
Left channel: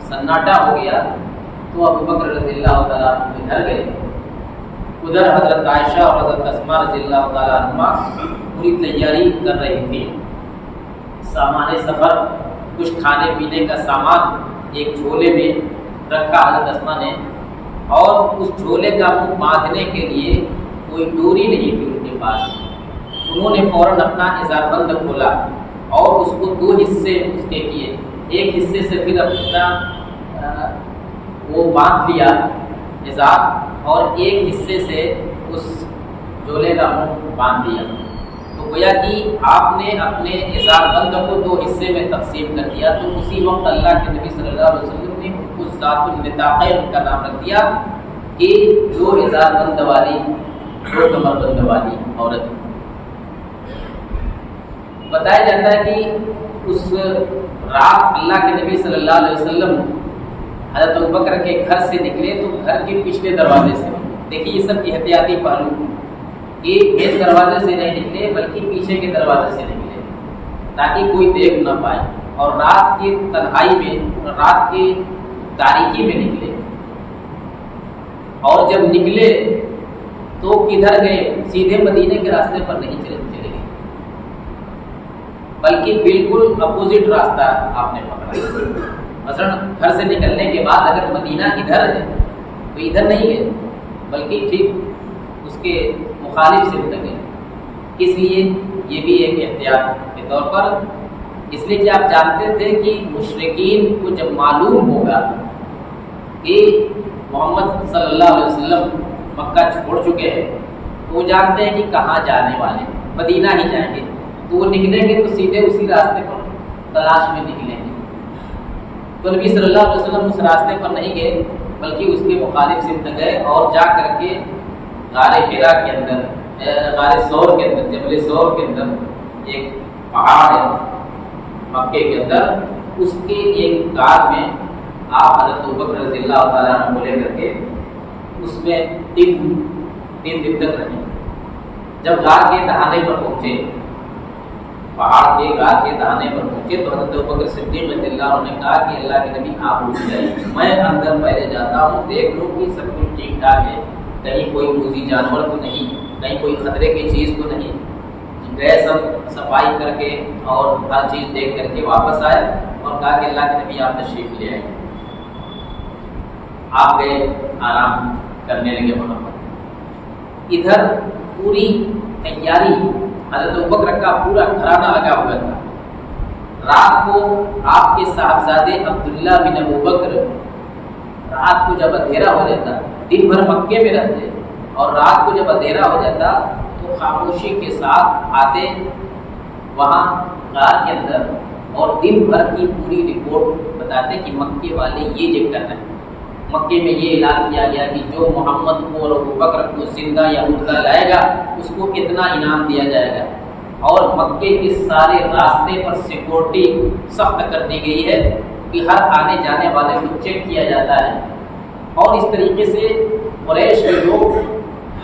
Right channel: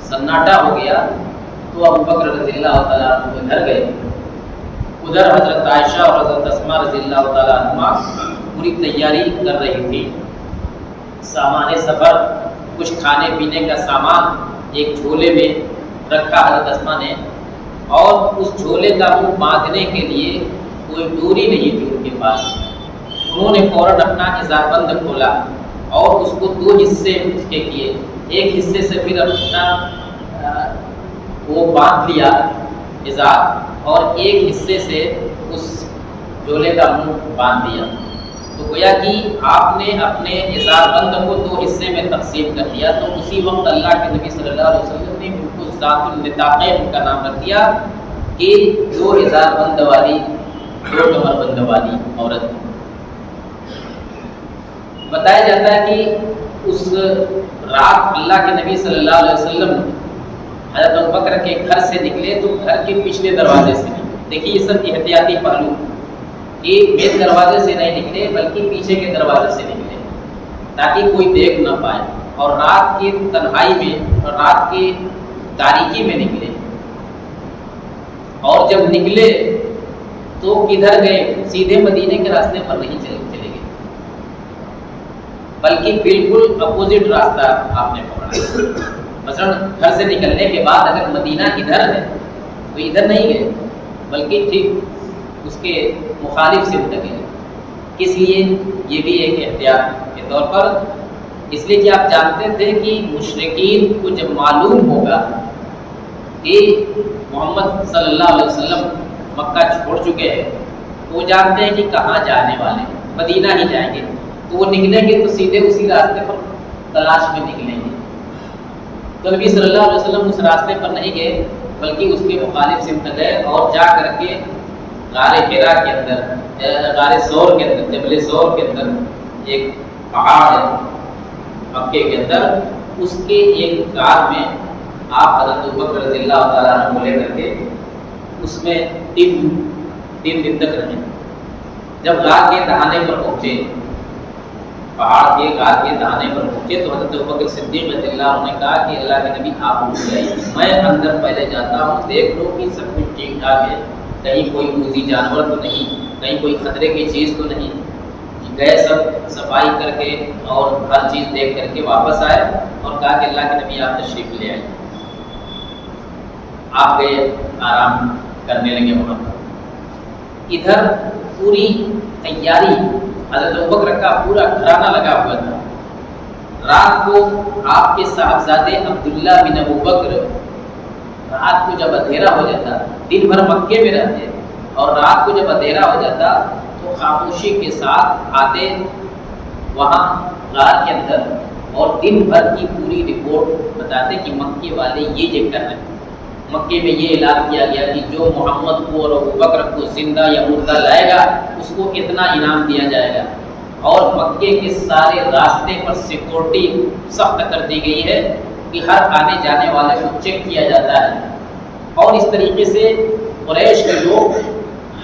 سناٹا ہو گیا تو ابو بکر رضی اللہ تعالیٰ عنہ کے گھر گئے۔ ادھر حضرت عائشہ اور حضرت اسماء رضی اللہ تعالیٰ عنہما پوری تیاری کر رہی تھی، سامان سفر، کچھ کھانے پینے کا سامان ایک جھولے میں رکھا حضرت اسماء نے، اور اس جھولے کا منہ باندھنے کے لیے کوئی ڈوری نہیں تھی ان کے پاس۔ انہوں نے فوراً اپنا ازار بند کھولا اور اس کو دو حصے اس کے کیے، ایک حصے سے پھر اپنا وہ باندھ لیا ازار، اور ایک حصے سے اس جھولے کا منہ باندھ دیا۔ تو گویا کہ آپ نے اپنے ازار بند کو دو حصے میں تقسیم کر دیا۔ تو اسی وقت اللہ کے نبی صلی اللہ علیہ وسلم نے ان کو ذات النطاقین کا نام رکھ دیا کہ دو ازار بند والی، دو کمر بند والی عورت۔ بتایا جاتا ہے کہ اس رات اللہ کے نبی صلی اللہ علیہ وسلم حضرت ابوبکر کے گھر سے نکلے تو گھر کے پچھلے دروازے سے نکلے۔ دیکھیے یہ سب احتیاطی پہلو، کہ مین دروازے سے نہیں نکلے بلکہ پیچھے کے دروازے سے نکلے تاکہ کوئی دیکھ نہ پائے، اور رات کی تنہائی میں اور رات کی تاریکی میں نکلے۔ اور جب نکلے تو کدھر گئے؟ سیدھے مدینے کے راستے پر نہیں چلے گئے، بلکہ بالکل اپوزٹ راستہ آپ نے پکڑا۔ مثلا گھر سے نکلنے کے بعد اگر مدینہ ادھر ہے تو ادھر نہیں گئے، بلکہ ٹھیک اس کے مخالف سمت گئے۔ کس لیے؟ یہ بھی ایک احتیاط کے طور پر، اس لیے کہ آپ جانتے تھے کہ مشرکین کو جب معلوم ہوگا کہ محمد صلی اللہ علیہ وسلم مکہ چھوڑ چکے ہیں تو وہ جانتے ہیں کہ کہاں جانے والے، مدینہ ہی جائیں گے، تو وہ نکلیں گے تو سیدھے اسی راستے پر تلاش میں نکلیں گے۔ تو نبی صلی اللہ علیہ وسلم اس راستے پر نہیں گئے بلکہ اس کے مخالف سمت گئے، اور جا کر کے غار حرا کے اندر، غار ثور کے اندر، جبل ثور کے اندر ایک پہاڑ ہے مکے کے اندر، اس کے ایک غار میں آپ حضرت ابوبکر رضی اللہ تعالیٰ عنہ کو لے کر کے اس میں تین دن تک رہے۔ جب غار کے دہانے پر پہنچے، پہاڑ کے غار کے دہانے پر پہنچے تو حضرت ابوبکر صدیق رضی اللہ عنہ نے کہا کہ اللہ کے نبی آپ رک گئے، میں اندر پہلے جاتا ہوں، دیکھ لوں کہ سب کچھ ٹھیک ٹھاک ہے، کہیں کوئی موذی جانور تو نہیں، کہیں کوئی خطرے کی چیز تو نہیں۔ گئے، سب صفائی کر کے اور ہر چیز دیکھ کر کے واپس آئے اور کہا کہ اللہ کے نبی آپ تشریف لے آئے۔ آپ گئے، آرام کرنے لگے وہاں پر۔ ادھر پوری تیاری، حضرت ابوبکر کا پورا گھرانہ لگا ہوا تھا۔ رات کو آپ کے صاحبزادے عبداللہ بن ابوبکر رات کو جب اندھیرا ہو جاتا، دن بھر مکے میں رہتے، اور رات کو جب اندھیرا ہو جاتا تو خاموشی کے ساتھ آتے وہاں غار کے اندر، اور دن بھر کی پوری رپورٹ بتاتے کہ مکے والے یہ کر رہے ہیں، مکے میں یہ اعلان کیا گیا کہ جو محمد کو اور ابوبکر کو زندہ یا مردہ لائے گا اس کو اتنا انعام دیا جائے گا، اور مکے کے سارے راستے پر سیکورٹی سخت کر دی گئی ہے کہ ہر آنے جانے والے کو چیک کیا جاتا ہے۔ اور اس طریقے سے قریش کے لوگ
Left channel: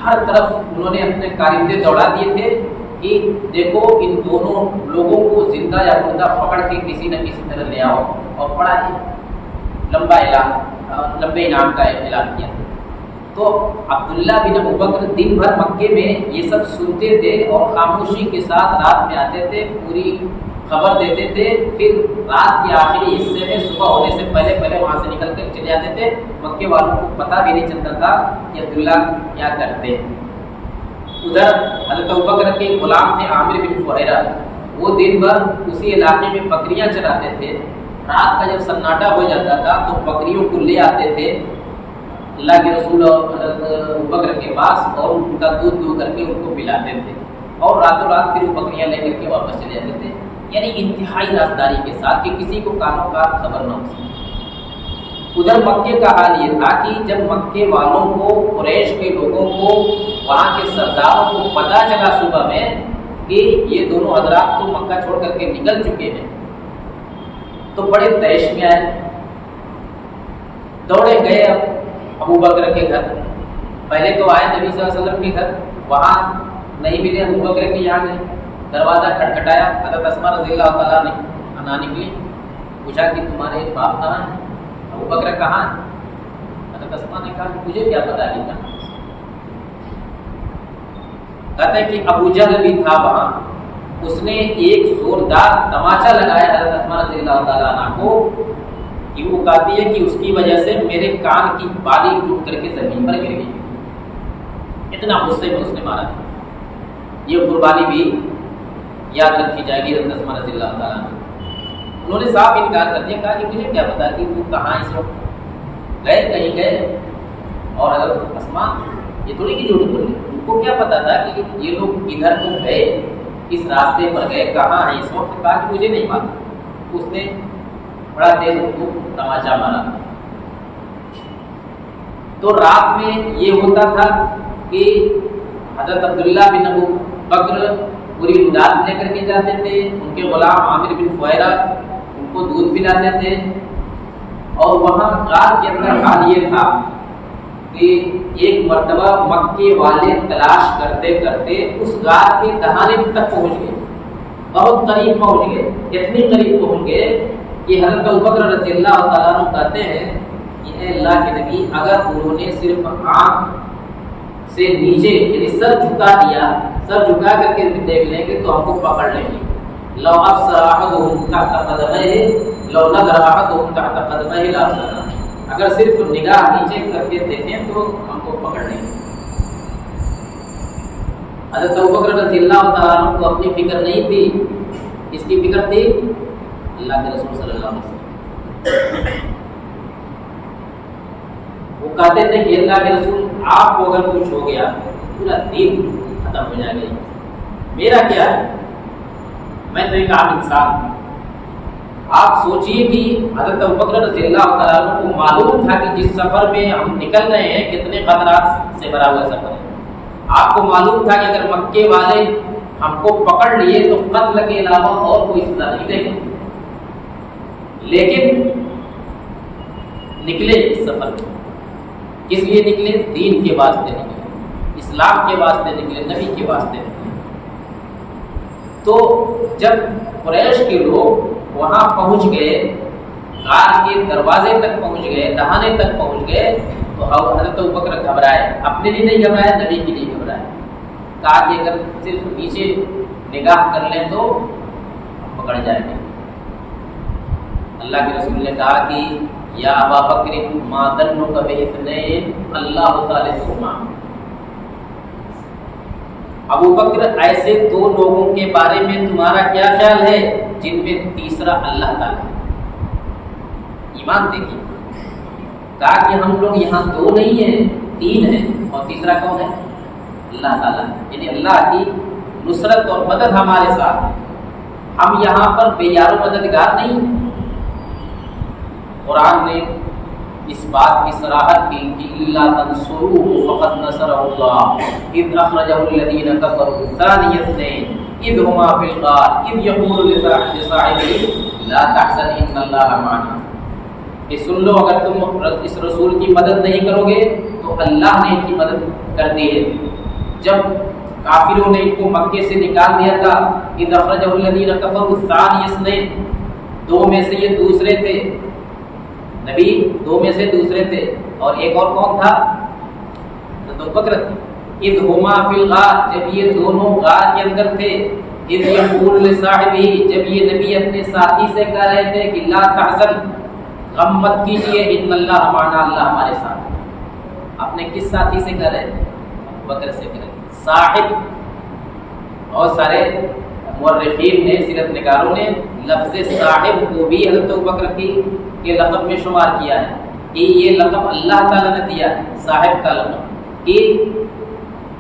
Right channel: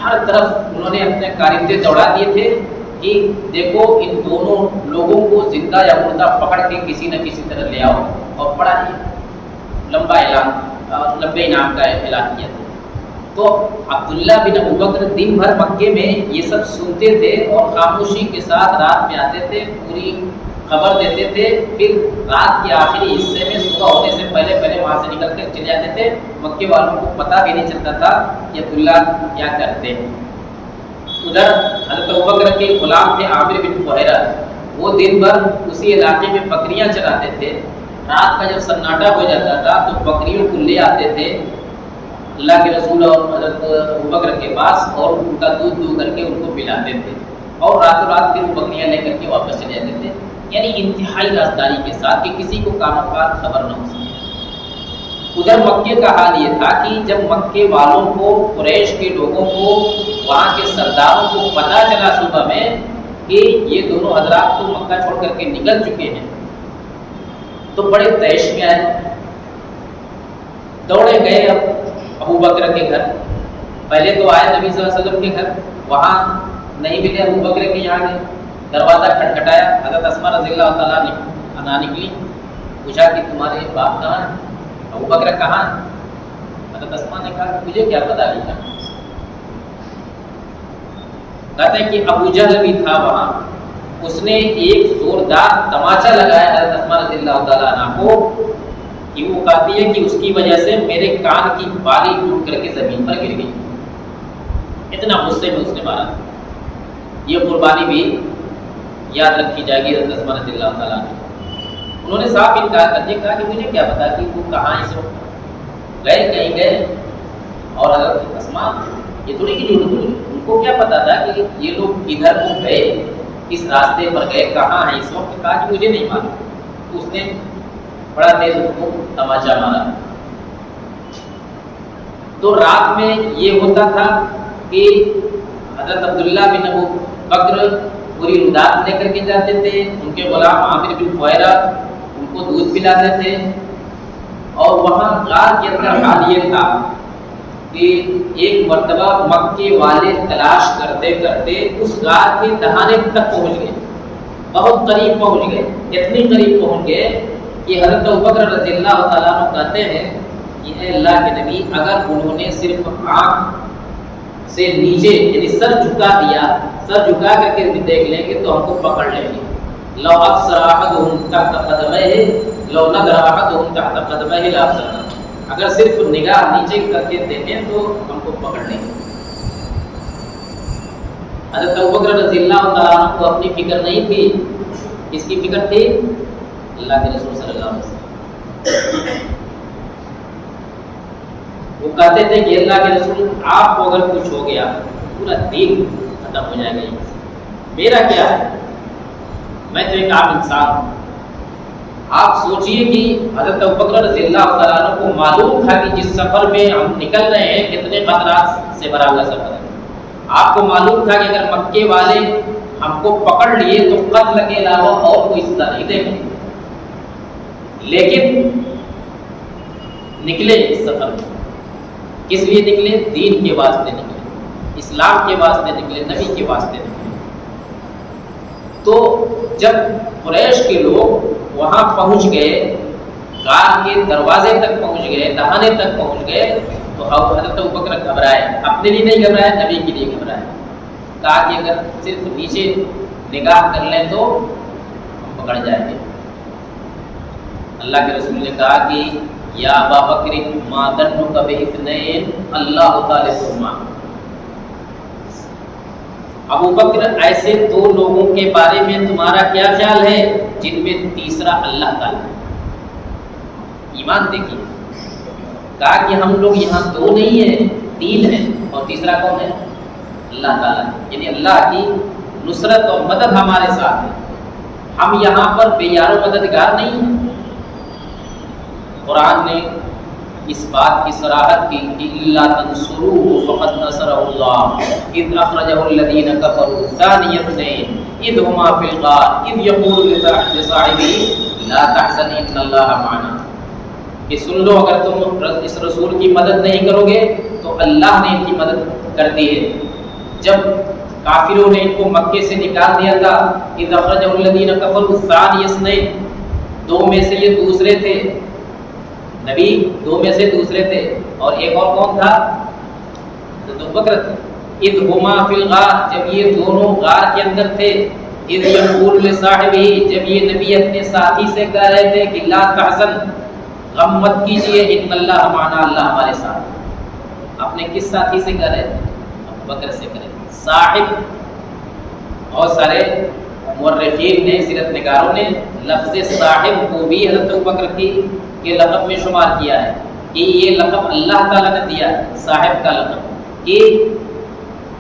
ہر طرف انہوں نے اپنے کارندے دوڑا دیے تھے کہ دیکھو ان دونوں لوگوں کو زندہ یا مردہ پکڑ کے کسی نہ کسی طرح لے آؤ، اور بڑا ہی لمبا اعلان، لمبے انعام کا اعلان کیا تھا۔ تو عبداللہ بن ابوبکر دن بھر مکے میں یہ سب سنتے تھے اور خاموشی کے ساتھ رات میں آتے تھے، پوری خبر دیتے تھے، پھر رات کے آخری حصے میں صبح ہونے سے پہلے وہاں سے نکل کر چلے جاتے تھے۔ مکے والوں کو پتہ بھی نہیں چلتا تھا کہ عبداللہ کیا کرتے ہیں۔ ادھر حضرت ابوبکر کے غلام تھے عامر بن فہیرہ، وہ دن بھر اسی علاقے میں بکریاں چراتے تھے۔ رات کا جب سناٹا ہو جاتا تھا تو بکریوں کو لے آتے تھے اللہ کے رسول اور حضرت ابوبکر کے پاس، اور ان کا دودھ دو کر کے ان کو پلاتے تھے، اور راتوں رات پھر وہ بکریاں لے کر کے واپس چلے جاتے تھے۔ یعنی انتہائی رازداری کے ساتھ کہ کسی کو کانوں کا خبر نہ ہو سکے۔ ادھر مکے کا حال یہ تھا کہ جب مکے والوں کو، قریش کے لوگوں کو، وہاں کے سرداروں کو پتہ چلا صبح میں کہ یہ دونوں حضرات تو مکہ چھوڑ کر کے نکل چکے ہیں، تو بڑے تیش میں آئے، دوڑے گئے ابو بکر کے گھر۔ پہلے تو آئے نبی صلی اللہ علیہ وسلم کے گھر، وہاں نہیں ملے، ابو بکر کے یہاں گئے، دروازہ کھٹکھٹایا، حضرت اسماء رضی اللہ تعالیٰ عنہا نکلی، پوچھا کہ تمہارے باپ کہاں ہیں؟ ابو بکر کہاں ہے؟ حضرت اسماء نے کہا کہ مجھے کیا پتا کہ کہاں۔ کہتے ہیں کہ ابو جہل بھی تھا وہاں، اس نے ایک زوردار تماچا لگایا حضرت اسماء رضی اللہ تعالیٰ عنہ کو کہ وہ کہتی ہے کہ اس کی وجہ سے میرے کان کی بالی ٹوٹ کر کے زمین پر گر گئی، اتنا غصے میں اس نے مارا تھا۔ یہ قربانی بھی یاد رکھی جائے گی حضرت اسماء رضی اللہ تعالیٰ عنہ۔ انہوں نے صاف انکار کر دیا، کہا کہ مجھے کیا پتا کہ وہ کہاں اس وقت گئے، کہیں گئے۔ اور حضرت اسماء یہ تھوڑی کہ جھوٹ بولے، ان کو کیا پتا تھا کہ یہ لوگ ادھر کو گئے، اس راستے پر گئے، کہاں ہیں اس وقت؟ کہا کہ مجھے نہیں معلوم۔ تو اس نے بڑا تیز اس کو تماچا مارا۔ تو رات میں یہ ہوتا تھا کہ حضرت عبداللہ بن ابو بکر پوری امداد لے کر کے جاتے تھے، ان کے غلام عامر بن فہیرہ ان کو دودھ پلاتے تھے، اور وہاں غار کے اندر حال یہ تھا کہ ایک مرتبہ مکے والے تلاش کرتے کرتے اس غار کے دہانے تک پہنچ گئے، بہت قریب پہنچ گئے، اتنی قریب پہنچ گئے کہ حضرت ابوبکر رضی اللہ تعالیٰ عنہ کہتے ہیں کہ اے اللہ کے نبی، اگر انہوں نے صرف آنکھ سے نیچے یعنی سر جھکا دیا، سر جھکا کر کے بھی دیکھ لیں گے تو ہم کو پکڑ لیں گے۔ لو ابصر احدهم تحت قدميه لو نظر احدهم تحت قدميه لابصر، اگر صرف نگاہ نیچے کر کے دیکھیں تو ہم کو پکڑ لیں گے۔ حضرت ابوبکر رضی اللہ تعالیٰ عنہ کو اپنی فکر نہیں تھی، کس کی فکر تھی؟ اللہ کے رسول صلی اللہ علیہ وسلم۔ وہ کہتے تھے کہ اللہ کے رسول، آپ کو اگر کچھ ہو گیا پورا دین ختم ہو جائے گا، میرا کیا ہے، میں تو ایک عام انسان ہوں۔ آپ سوچئے کہ حضرت ابوبکر رضی اللہ تعالیٰ عنہ کو معلوم تھا کہ جس سفر میں ہم نکل رہے ہیں کتنے خطرات سے بھرا ہوا سفر ہے۔ آپ کو معلوم تھا کہ اگر مکے والے ہم کو پکڑ لیے تو قتل کے علاوہ اور کوئی سزا نہیں دیں گے، لیکن نکلے اس سفر میں، کس لیے نکلے؟ دین کے واسطے نکلے، اسلام کے واسطے نکلے، نبی کے واسطے نکلے۔ تو جب قریش کے لوگ وہاں پہنچ گئے، غار کے دروازے تک پہنچ گئے، دہانے تک پہنچ گئے، تو حضرت ابوبکر گھبرائے، اپنے لیے نہیں گھبرائے، نبی کے لیے گھبرائے۔ کہا کہ اگر صرف نیچے نگاہ کر لیں تو ہم پکڑ جائیں گے۔ اللہ کے رسول نے کہا کہ یا ابا بکر ما ظنک باثنین اللہ ثالثہما، ابو بکر ایسے دو لوگوں کے بارے میں تمہارا کیا خیال ہے جن میں تیسرا اللہ تعالیٰ ہے؟ ایمان دیکھیے، کہا کہ ہم لوگ یہاں دو نہیں ہیں، تین ہیں، اور تیسرا کون ہے؟ اللہ تعالیٰ ہے، یعنی اللہ کی نصرت اور مدد ہمارے ساتھ ہے، ہم یہاں پر بے یار و مددگار نہیں ہیں۔ قرآن نے اس بات کی صراحت کی کہ الا تنصروه فقد نصره الله اذ اخرجه الذين كفروا ثاني اثنين اذ هما في الغار اذ يقول لصاحبه لا تحزن ان الله معنا، کہ سن لو اگر تم اس رسول کی مدد نہیں کرو گے تو اللہ نے ان کی مدد کر دی ہے۔ جب کافروں نے ان کو مکے سے نکال دیا تھا، اذ اخرجه الذين كفروا ثاني اثنين، دو میں سے یہ دوسرے تھے، نبی دو میں سے دوسرے تھے، اور ایک اور کون تھا؟ حضرت ابوبکر تھے۔ اذ ہما فی الغار، جب یہ دونوں غار کے اندر تھے، اذ یقول لصاحبہ، جب یہ نبی اپنے ساتھی سے کہہ رہے تھے کہ لا تحزن، غم مت کیجیے، ان اللہ معنا، اللہ ہمارے ساتھ۔ اپنے کس ساتھی سے کہہ رہے تھے؟ ابوبکر سے کہہ رہے تھے۔ صاحب، بہت سارے مورخین نے، سیرت نگاروں نے لفظ صاحب کو بھی حضرت ابوبکر کے لقب میں شمار کیا ہے کہ یہ لقب اللہ تعالیٰ نے دیا ہے، صاحب کا لقب، کہ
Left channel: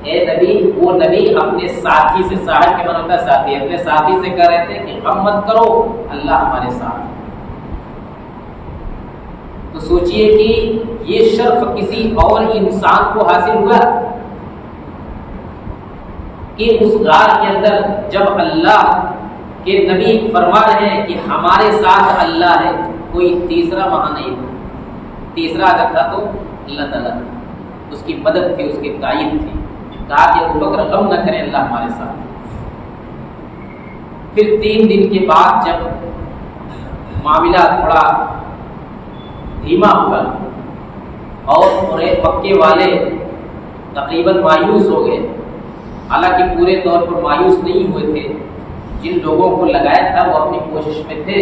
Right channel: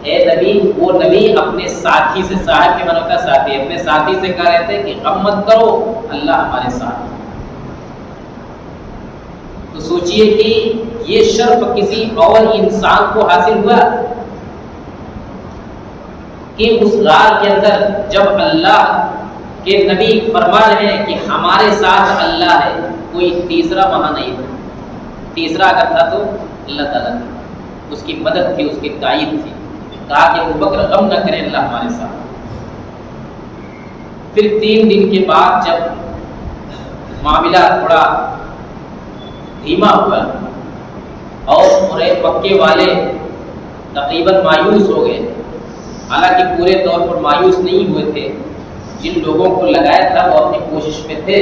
اے نبی، وہ نبی اپنے ساتھی سے، صاحب کے من ہوتا ہے ساتھی، اپنے ساتھی سے کہہ رہے تھے کہ غم مت کرو، اللہ ہمارے ساتھ ہے۔ تو سوچئے کہ یہ شرف کسی اور انسان کو حاصل ہوا کہ اس غار کے اندر جب اللہ کے نبی فرما رہے ہیں کہ ہمارے ساتھ اللہ ہے، کوئی تیسرا وہاں نہیں تھا۔ تیسرا اگر تھا تو اللہ تعالیٰ تھا، اس کی مدد تھی، اس کی تائید تھی۔ کہا کہ ابوبکر غم نہ کریں، اللہ ہمارے ساتھ۔ پھر 3 دن کے بعد جب معاملہ تھوڑا دھیما ہوا اور مکے والے تقریباً مایوس ہو گئے، حالانکہ پورے طور پر مایوس نہیں ہوئے تھے، جن لوگوں کو لگایا تھا وہ اپنی کوشش میں تھے،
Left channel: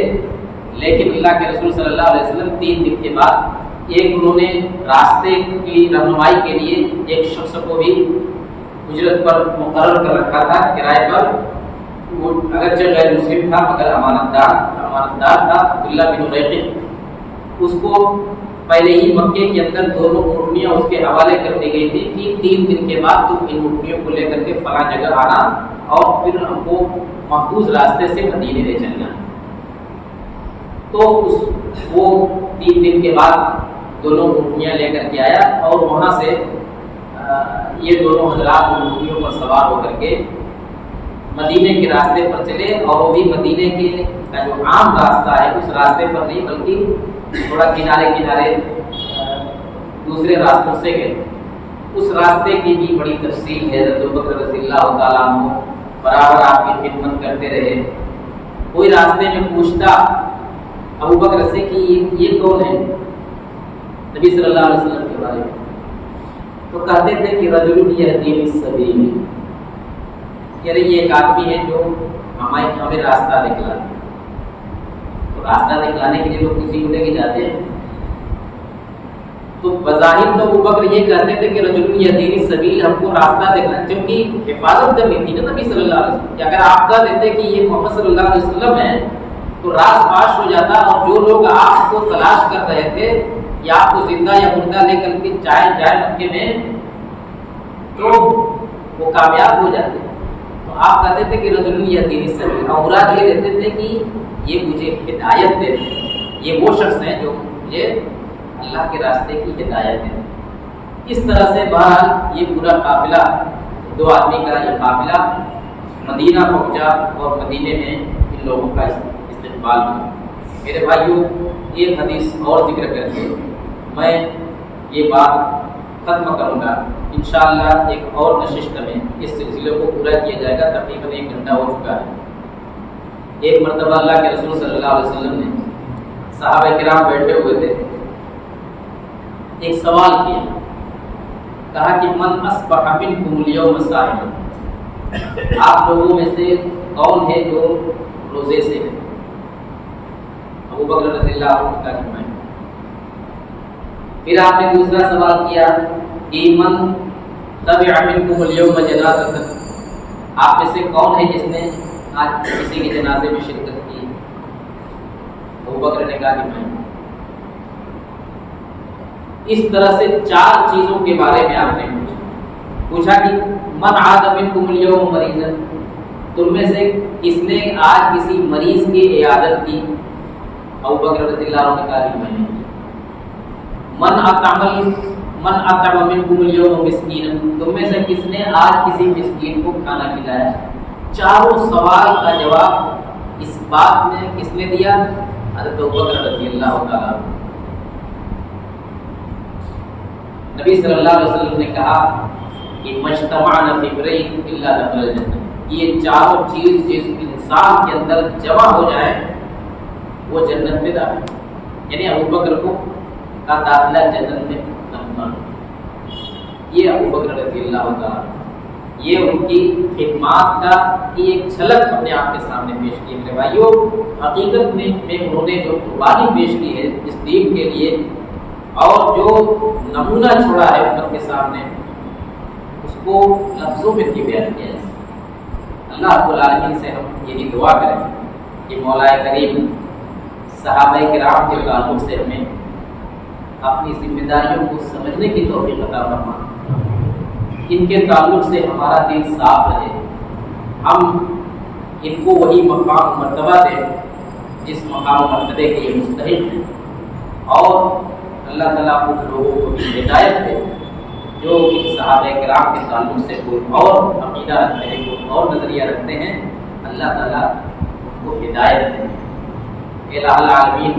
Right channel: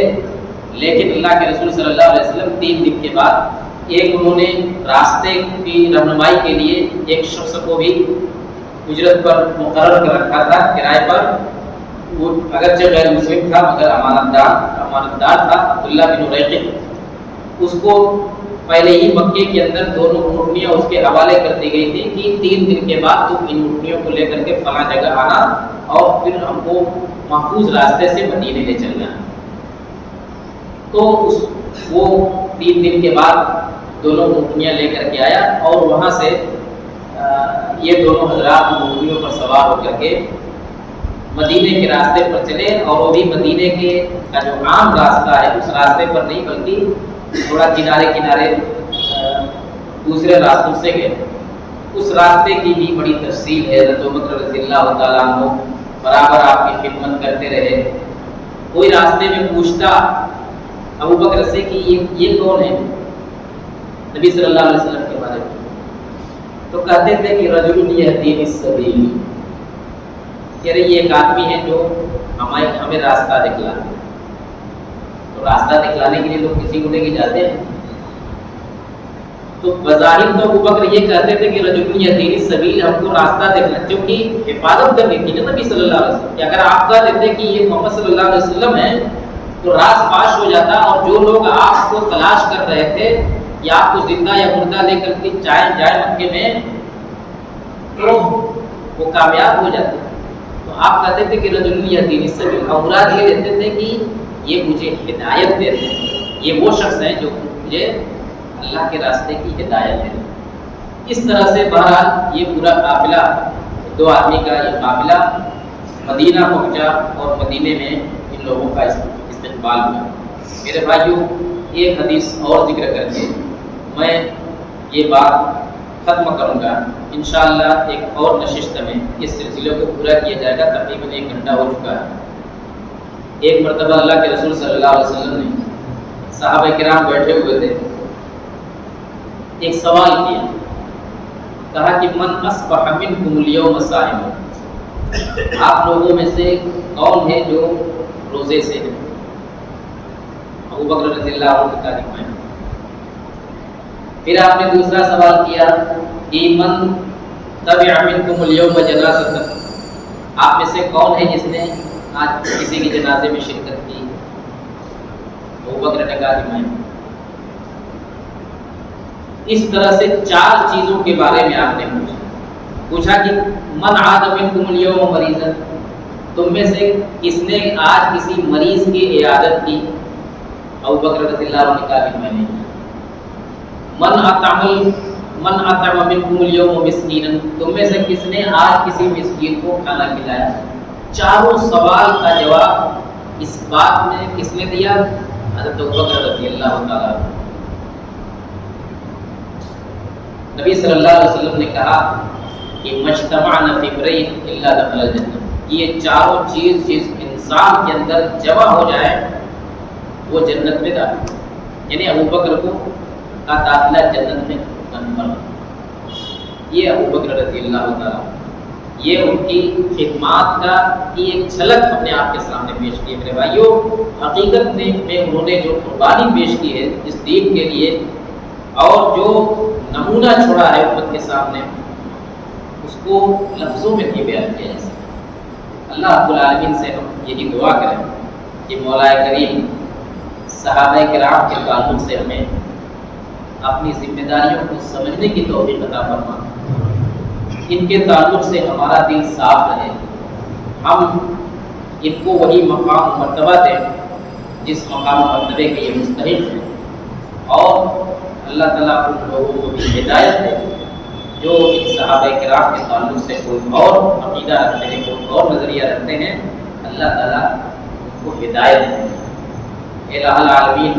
لیکن اللہ کے رسول صلی اللہ علیہ وسلم 3 دن کے بعد انہوں نے راستے کی رہنمائی کے لیے ایک شخص کو بھی اجرت پر مقرر کر رکھا تھا، کرائے پر۔ وہ اگرچہ غیر مسلم تھا مگر امانتدار تھا، عبداللہ بن ریقب۔ اس کو پہلے ہی مکے کے اندر 2 اونٹنیاں اس کے حوالے کر دی گئی تھی کہ 3 دن کے بعد تم ان اونٹنیوں کو لے کر کے فلاں جگہ آنا اور پھر ہم کو محفوظ راستے سے مدینے لے چلنا ہے۔ تو وہ 3 دن کے بعد دونوں اونٹنیاں لے کر کے آیا اور وہاں سے یہ دونوں حضرات اونٹنیوں پر سوار ہو کر کے مدینے کے راستے پر چلے، اور وہ بھی مدینے کا جو عام راستہ ہے اس راستے پر نہیں بلکہ تھوڑا کنارے دوسرے راستوں سے گئے۔ اس راستے کی بھی بڑی تفصیل ہے، حضرت ابوبکر رضی اللہ تعالیٰ عنہ برابر آپ کی خدمت کرتے رہے۔ کوئی راستے میں پوچھتا ابوبکر سے کہ یہ کون ہے، نبی صلی اللہ علیہ وسلم کے بارے میں، تو کہتے تھے کہ رجل یہدینی السبیل، کہہ رہے یہ ایک آدمی ہے جو ہمیں راستہ دکھلاتے ہیں۔ تو راستہ دکھلانے کے لیے لوگ کسی کو لے کے جاتے ہیں، تو بظاہر تو ابوبکر یہ کہتے تھے کہ رجل یہدینی السبیل، ہم کو راستہ دکھنا، کیونکہ حفاظت کرنی تھی نا نبی صلی اللہ علیہ وسلم، کہ اگر آپ کہہ دیتے کہ یہ محمد صلی اللہ علیہ وسلم ہے تو راز فاش ہو جاتا، اور جو لوگ آپ کو تلاش کر رہے تھے کہ آپ کو زندہ یا مردہ لے کر کے جائیں مکے میں، تو وہ کامیاب ہو جاتے۔ تو آپ کہتے تھے کہ رجل یہدینی السبیل، اور مراد یہ لیتے تھے کہ یہ مجھے ہدایت دیتے ہیں، یہ وہ شخص ہیں جو مجھے اللہ کے راستے کی ہدایت دیتے ہیں۔ اس طرح سے بہرحال یہ پورا قافلہ، 2 آدمی کا یہ قافلہ مدینہ پہنچا اور مدینے میں ان لوگوں کا استقبال ہوا۔ میرے بھائیوں، ایک حدیث اور ذکر کر کے میں یہ بات ختم کروں گا۔ انشاءاللہ ایک اور نشست میں اس سلسلے کو پورا کیا جائے گا، تقریباً 1 گھنٹہ ہو چکا ہے۔ ایک مرتبہ اللہ کے رسول صلی اللہ علیہ وسلم نے، صحابہ کرام بیٹھے ہوئے تھے، ایک سوال کیا، کہا کہ من اصبح منکم اليوم صائم، آپ لوگوں میں سے کون ہے جو روزے سے ہے؟ ابوبکر رضی اللہ عنہ نے کہا کہ میں۔ پھر آپ نے دوسرا سوال کیا کہ من تبع منکم اليوم جنازۃ، آپ میں سے کون ہے جس نے آج کسی کے جنازے میں شرکت کی؟ ابوبکر نے کہا کہ میں۔ اس طرح سے 4 چیزوں کے بارے میں آپ نے پوچھا کہ من عاد منکم اليوم مریضا، تم میں سے کس نے آج کسی مریض کی عیادت کی؟ ابوبکر رضی اللہ عنہ نے کہا کہ میں نے کی۔ من اطعم منکم اليوم مسکینا، تم میں سے کس نے آج کسی مسکین کو کھانا کھلایا؟ 4 سوال کا جواب اس بات میں کس نے دیا؟ حضرت ابوبکر رضی اللہ تعالیٰ عنہ۔ نبی صلی اللہ علیہ وسلم نے کہا کہ مجتمعنا فی امرئ الا دخل الجنہ، یہ 4 چیز جس انسان کے اندر جمع ہو جائے وہ جنت میں داخل، یعنی ابوبکر کو کا داخلہ جنت میں کنفرم۔ یہ ابوبکر رضی اللہ تعالیٰ، یہ ان کی خدمات کا کی ایک جھلک ہم نے آپ کے سامنے پیش کی ہے۔ میرے بھائیوں، حقیقت میں انہوں نے جو قربانی پیش کی ہے اس دین کے لیے، اور جو نمونہ چھوڑا ہے امت کے سامنے، اس کو لفظوں میں نہیں بیان کیا جا سکتا۔ اللہ رب العالمین سے ہم یہی دعا کریں کہ مولا کریم صحابہ کرام کے تعلق سے ہمیں اپنی ذمہ داریوں کو سمجھنے کی توفیق عطا فرما، ان کے تعلق سے ہمارا دل صاف رہے، ہم ان کو وہی مقام و مرتبہ دیں جس مقام و مرتبے کے یہ مستحق ہیں، اور اللہ تعالیٰ ان لوگوں کو بھی ہدایت دے جو ان صحابہ کرام کے تعلق سے کوئی اور عقیدہ رکھتے ہیں، کوئی اور نظریہ رکھتے ہیں، اللہ تعالیٰ ان کو ہدایت دے۔ الہ العالمین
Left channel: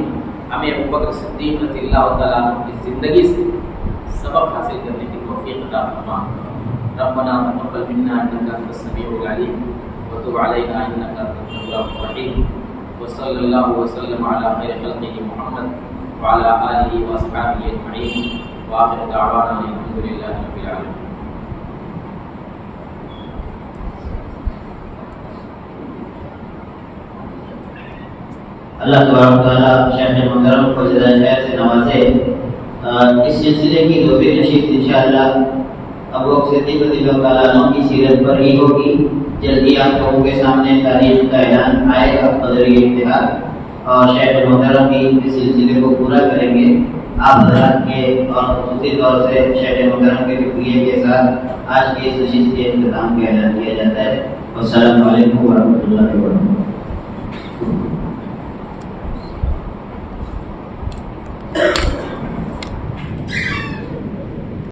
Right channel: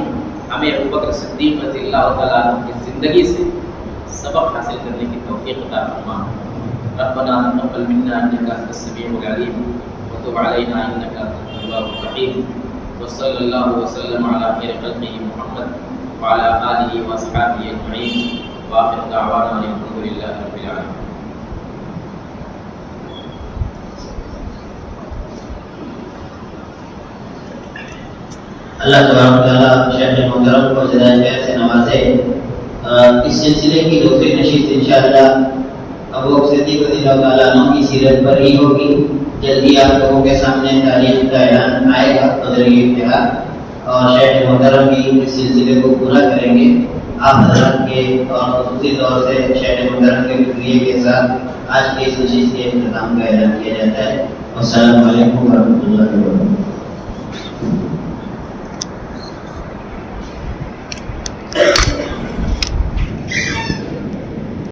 ہمیں ابوبکر صدیق رضی اللہ تعالیٰ عنہ کی زندگی سے سبق حاصل کرنے کی توفیق عطا فرما۔ ربنا تقبل منا انك انت السميع العليم وتب علينا انك انت التواب الرحيم، وصلى الله وسلم على خير خلقه محمد وعلى آله واصحابه اجمعين، واخر دعوانا الحمد لله رب العالمين۔ اللہ تبارک تعالیٰ شیخ محترم کو جزائے خیر سے نوازے۔ اس سلسلے کی دوسری نشست انشاءاللہ ابو صدیق رضی اللہ تعالیٰ عنہ کی سیرت پر ہی ہوگی۔ جلدی آپ لوگوں کے سامنے تاریخ کا اعلان آئے گا بذریعہ اتحاد، اور شیخ محترم بھی اس سلسلے کو پورا کریں گے۔ آپ حضرات کے خصوصی طور سے شیخ محترم کے شکریہ کے ساتھ آج کی اس نشست کے اختتام کا اعلان کیا جاتا ہے۔ والسلام علیکم ورحمۃ اللہ وبرکاتہ۔